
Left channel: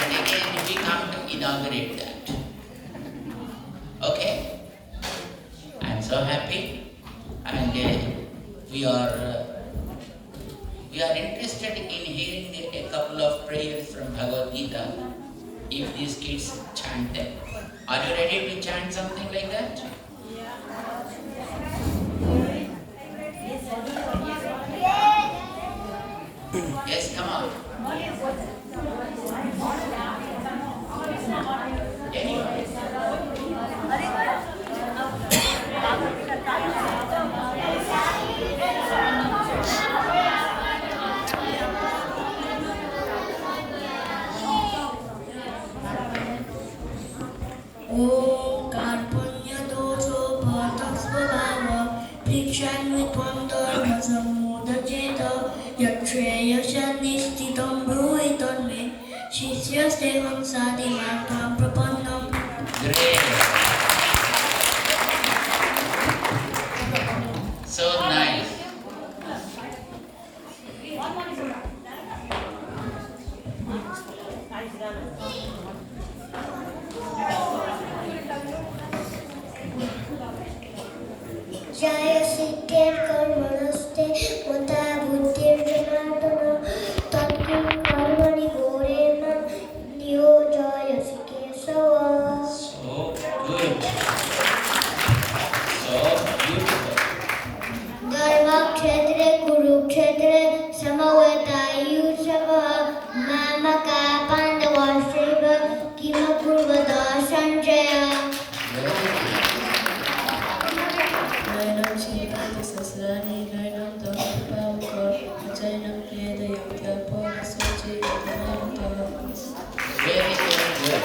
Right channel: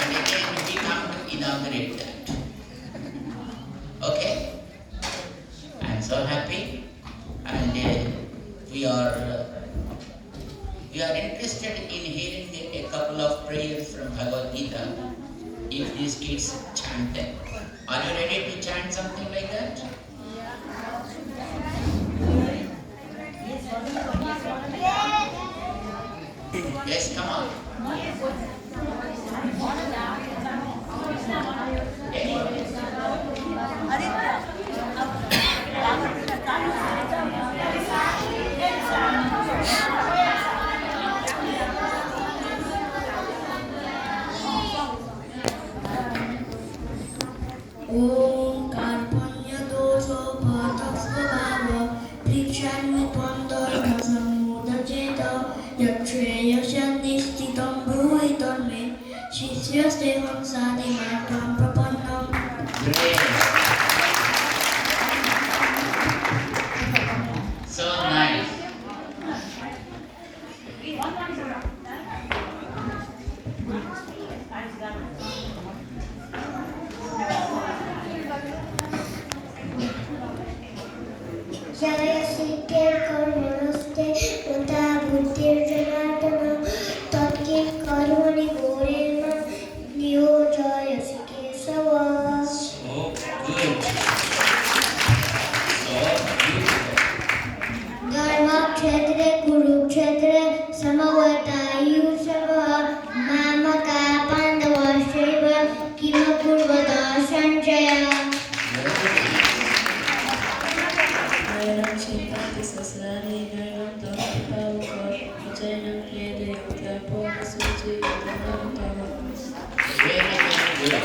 And again, we come to inaugurate that. Okay? I'm so happy, and we are interested in hearing a couple of prayers from Bhagavad Gita. If these kids chant them, are you ready to chant something like that? Yes, come on. Anyway. Om Karpunya Dojo Bhatas Bhava Prikshani Panda Nasamuda Jeta Yatreya Shanistitam Bhuitam Me Shishya Steham Sadi Matam Prapannam. Great. So nice. Jaya Sikir Karmanaste Mata Buddhir Janatana Tatkin Karmani Gorena Nyo Jaya Sikir Sava. So good. So beautiful. Dharma Kshetre Kuru Kshetre Samavatayu Sava Mamaka Pandava Shiva Kima Kurvada Sanjaya. Nainam Sripati Sasrani, Nainam Dhamma Pavaka, Ajainam Kriyada Yukya Pona Suchi, Nainam Tavas. Very, very good.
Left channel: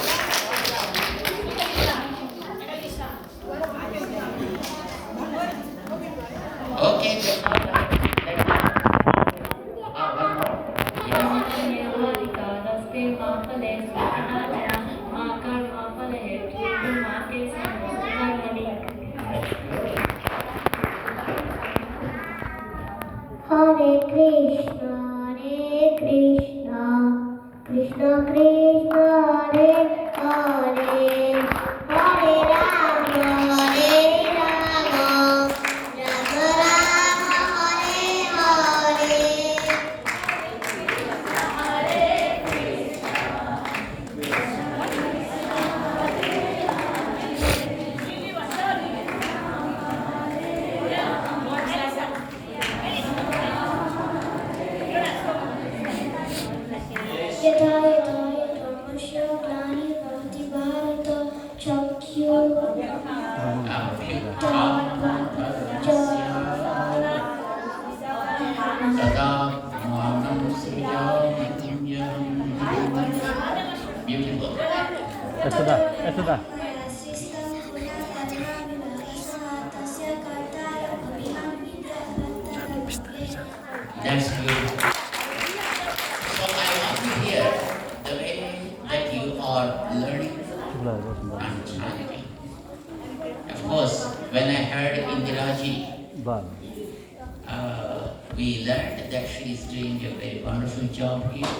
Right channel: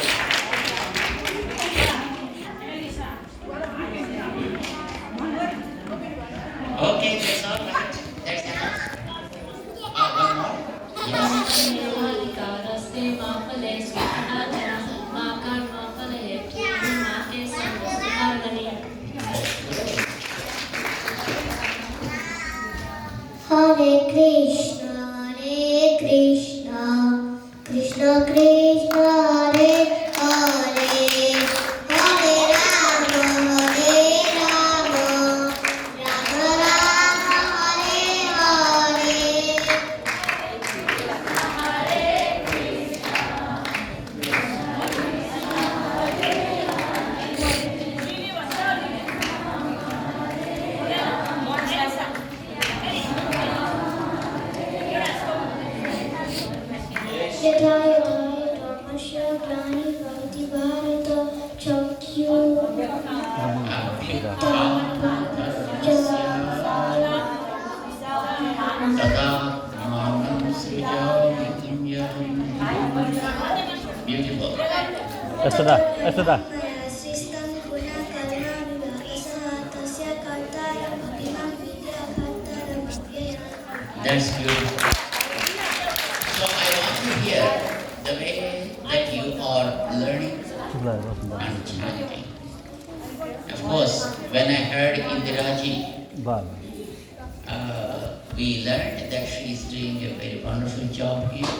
Okay, that's all right. That's enough. One more. Yes. Hare Krishna, Krishna Krishna, Hare Hare, Hare Rama, Rama Rama, Hare Hare. यथा यथा धर्मस्य ग्लानिर्भवति Bharat Beautiful. Esther. System guna karma vivasa tasya kartara bhaktiman vidya kartara. That's beautiful. So I want to hear the way that you are learning and chanting. Of course, when I heard Indiraji, we learned that she is doing a very wonderful job here.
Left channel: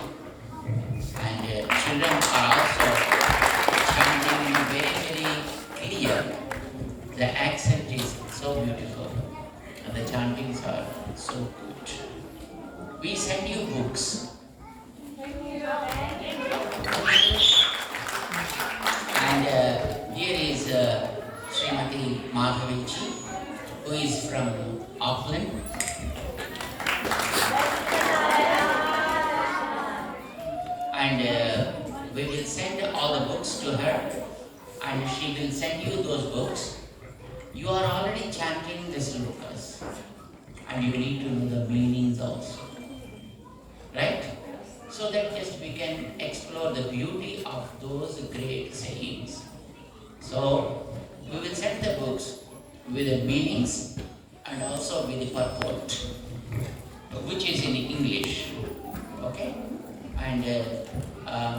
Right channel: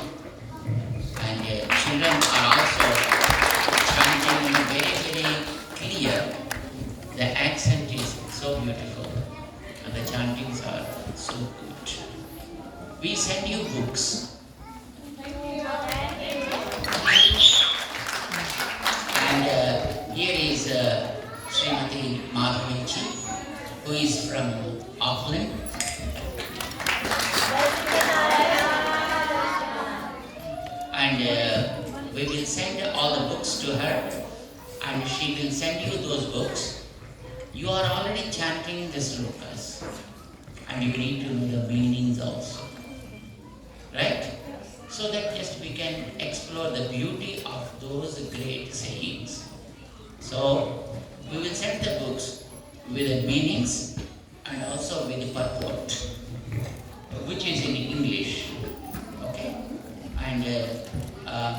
And children are also chanting very, very clear. The accent is so beautiful. So good. We send you books. And here is Srimati Madhavichi, who is from Auckland. And we will send all the books to her, and she will send you those books. You are already chanting the slokas, and you need to know the meanings also, right? So that just we can explore the beauty of those great sayings. So we will send the books with the meanings and also with the purport, which is in English, okay? And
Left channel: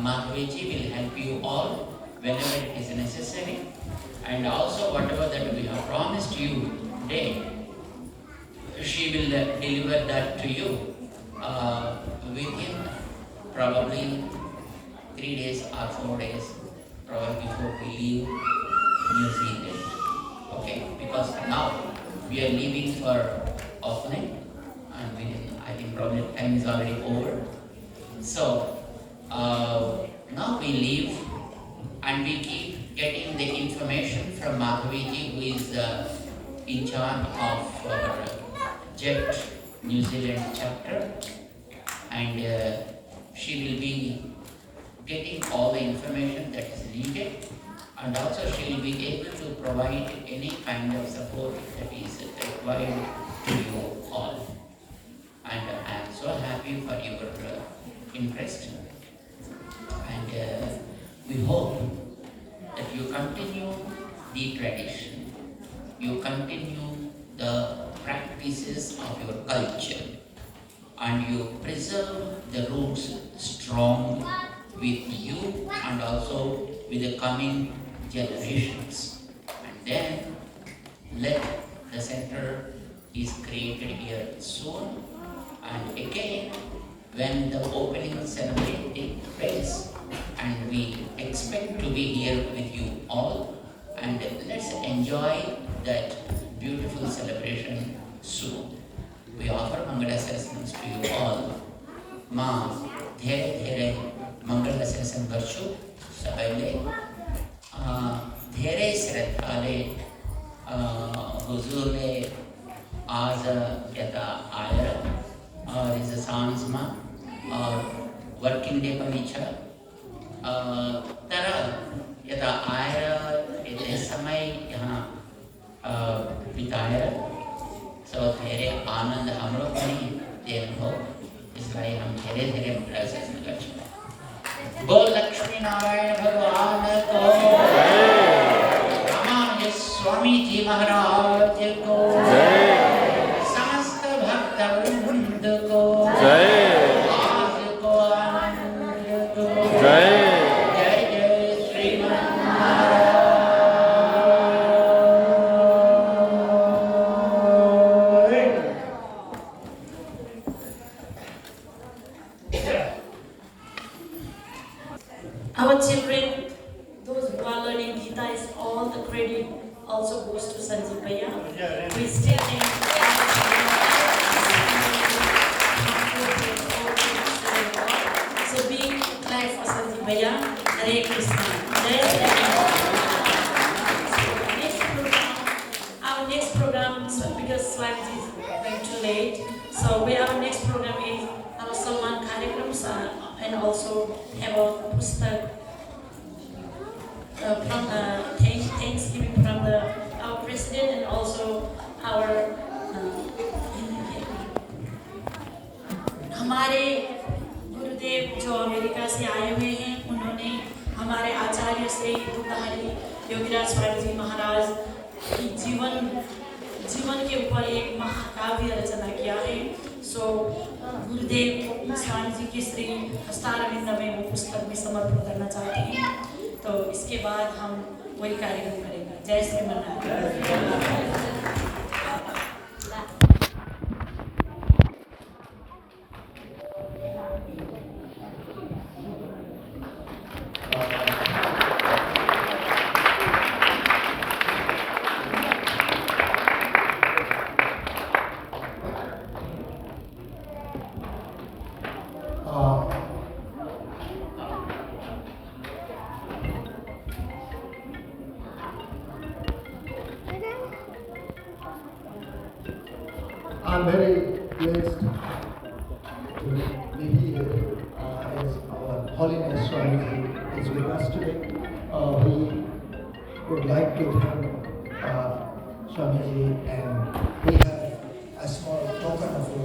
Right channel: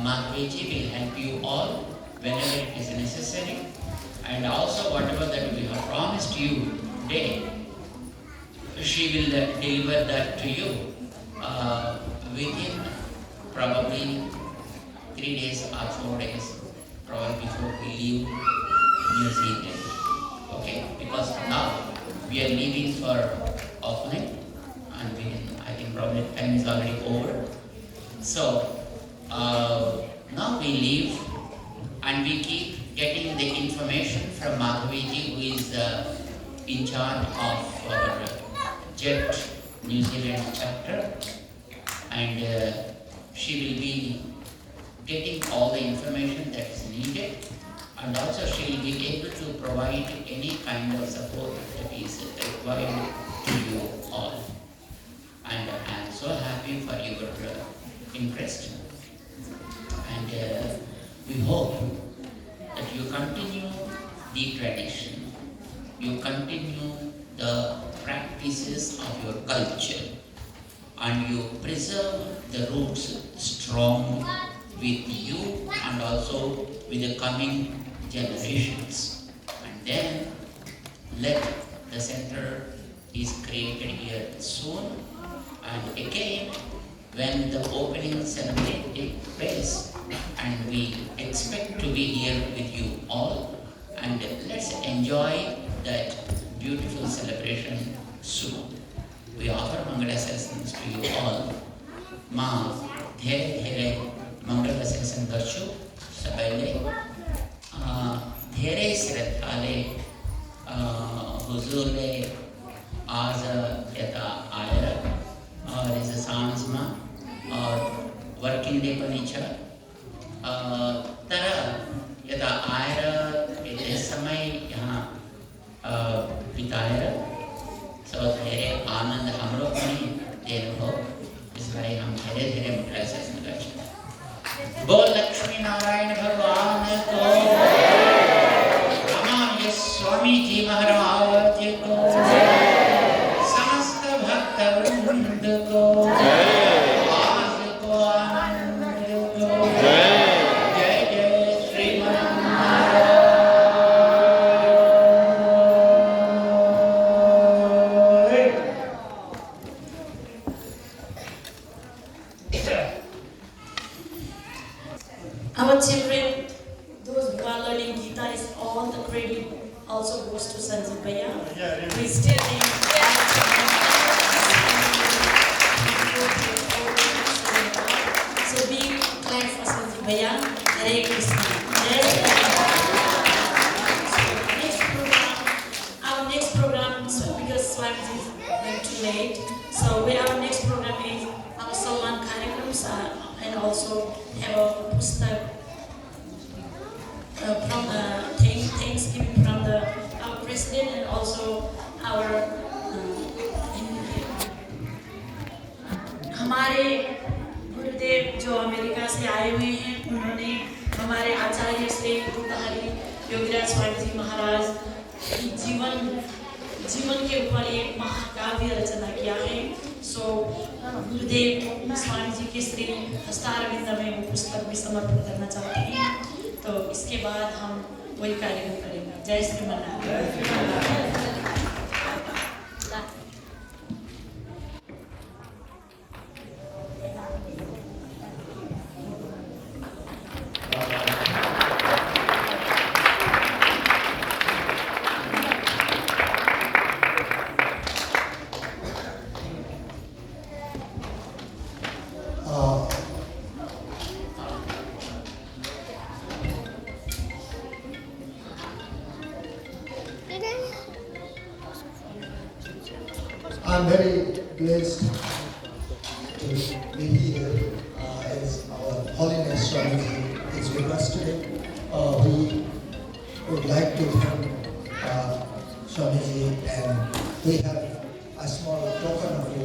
Madhaviji will help you all whenever it is necessary, and also whatever that we have promised you today, she will deliver that to you within probably 3 days or 4 days, probably before we leave New Zealand. Okay, because now we are leaving for Auckland, and I think probably time is already over. So now we leave, and we keep getting the information from Madhaviji, who is in charge of our JET New Zealand chapter, and she will be getting all the information that is needed, and also she will be able to provide any kind of support that is required to you all. And I am so happy for your interest, and we hope that you continue the tradition, you continue the practices of your culture, and you preserve the roots strong with you and also with the coming generations. And then let the center is created here soon, and again when the opening ceremony takes place, and we expect to be here with you all, and let's enjoy that beautiful celebration soon. We offer Mangala sessions to you all. Ma dhere dhere Mangala session garchu sabaile dhere श्रद्धाले हुजूर ने आज यता आएर और इस सांस में और working day पनि छ तर यता आएर यति समय यहाँ बिताएर सब धेरै आनन्द हाम्रो पनि दिनुभयो। त्यसलाई हम धेरै धेरै मङ्गला शासन गर्छौँ। बोल लक्ष्मी नारायण भगवान को, रामानुज स्वामी जी महाराज को, समस्त भक्त वृंद को, आज को आनंद को, जय जय Sriman Narayana. Our children, those who are learning Gita, is all the credit also goes to Sanjeev Bhaiya. We still in so be glad for Sanjeev Bhaiya. Hare Krishna. Our next program, because Swamiji is going too late, so our next program is our Salman Karyakrams, and also have a pustak from Thanksgiving from our president, and also our हमारे गुरुदेव जो America से आए हुए हैं, उन्होंने हमारे आचार्य श्री दुग्धारी योगीराज स्वामी जी महाराज की जीवन के ऊपर एक महाकाव्य रचना किया है। सो गुरुदेव स्वामी जी के श्री हस्तारविंद में वो पुस्तक भी समर्पण करना चाहते हैं, तो इसके बाद हम वही कार्यक्रम करेंगे। जय Sriman Narayana. I'm very blessed to be here as our Holiness Swamiji is with us today. We would like to thank Swamiji and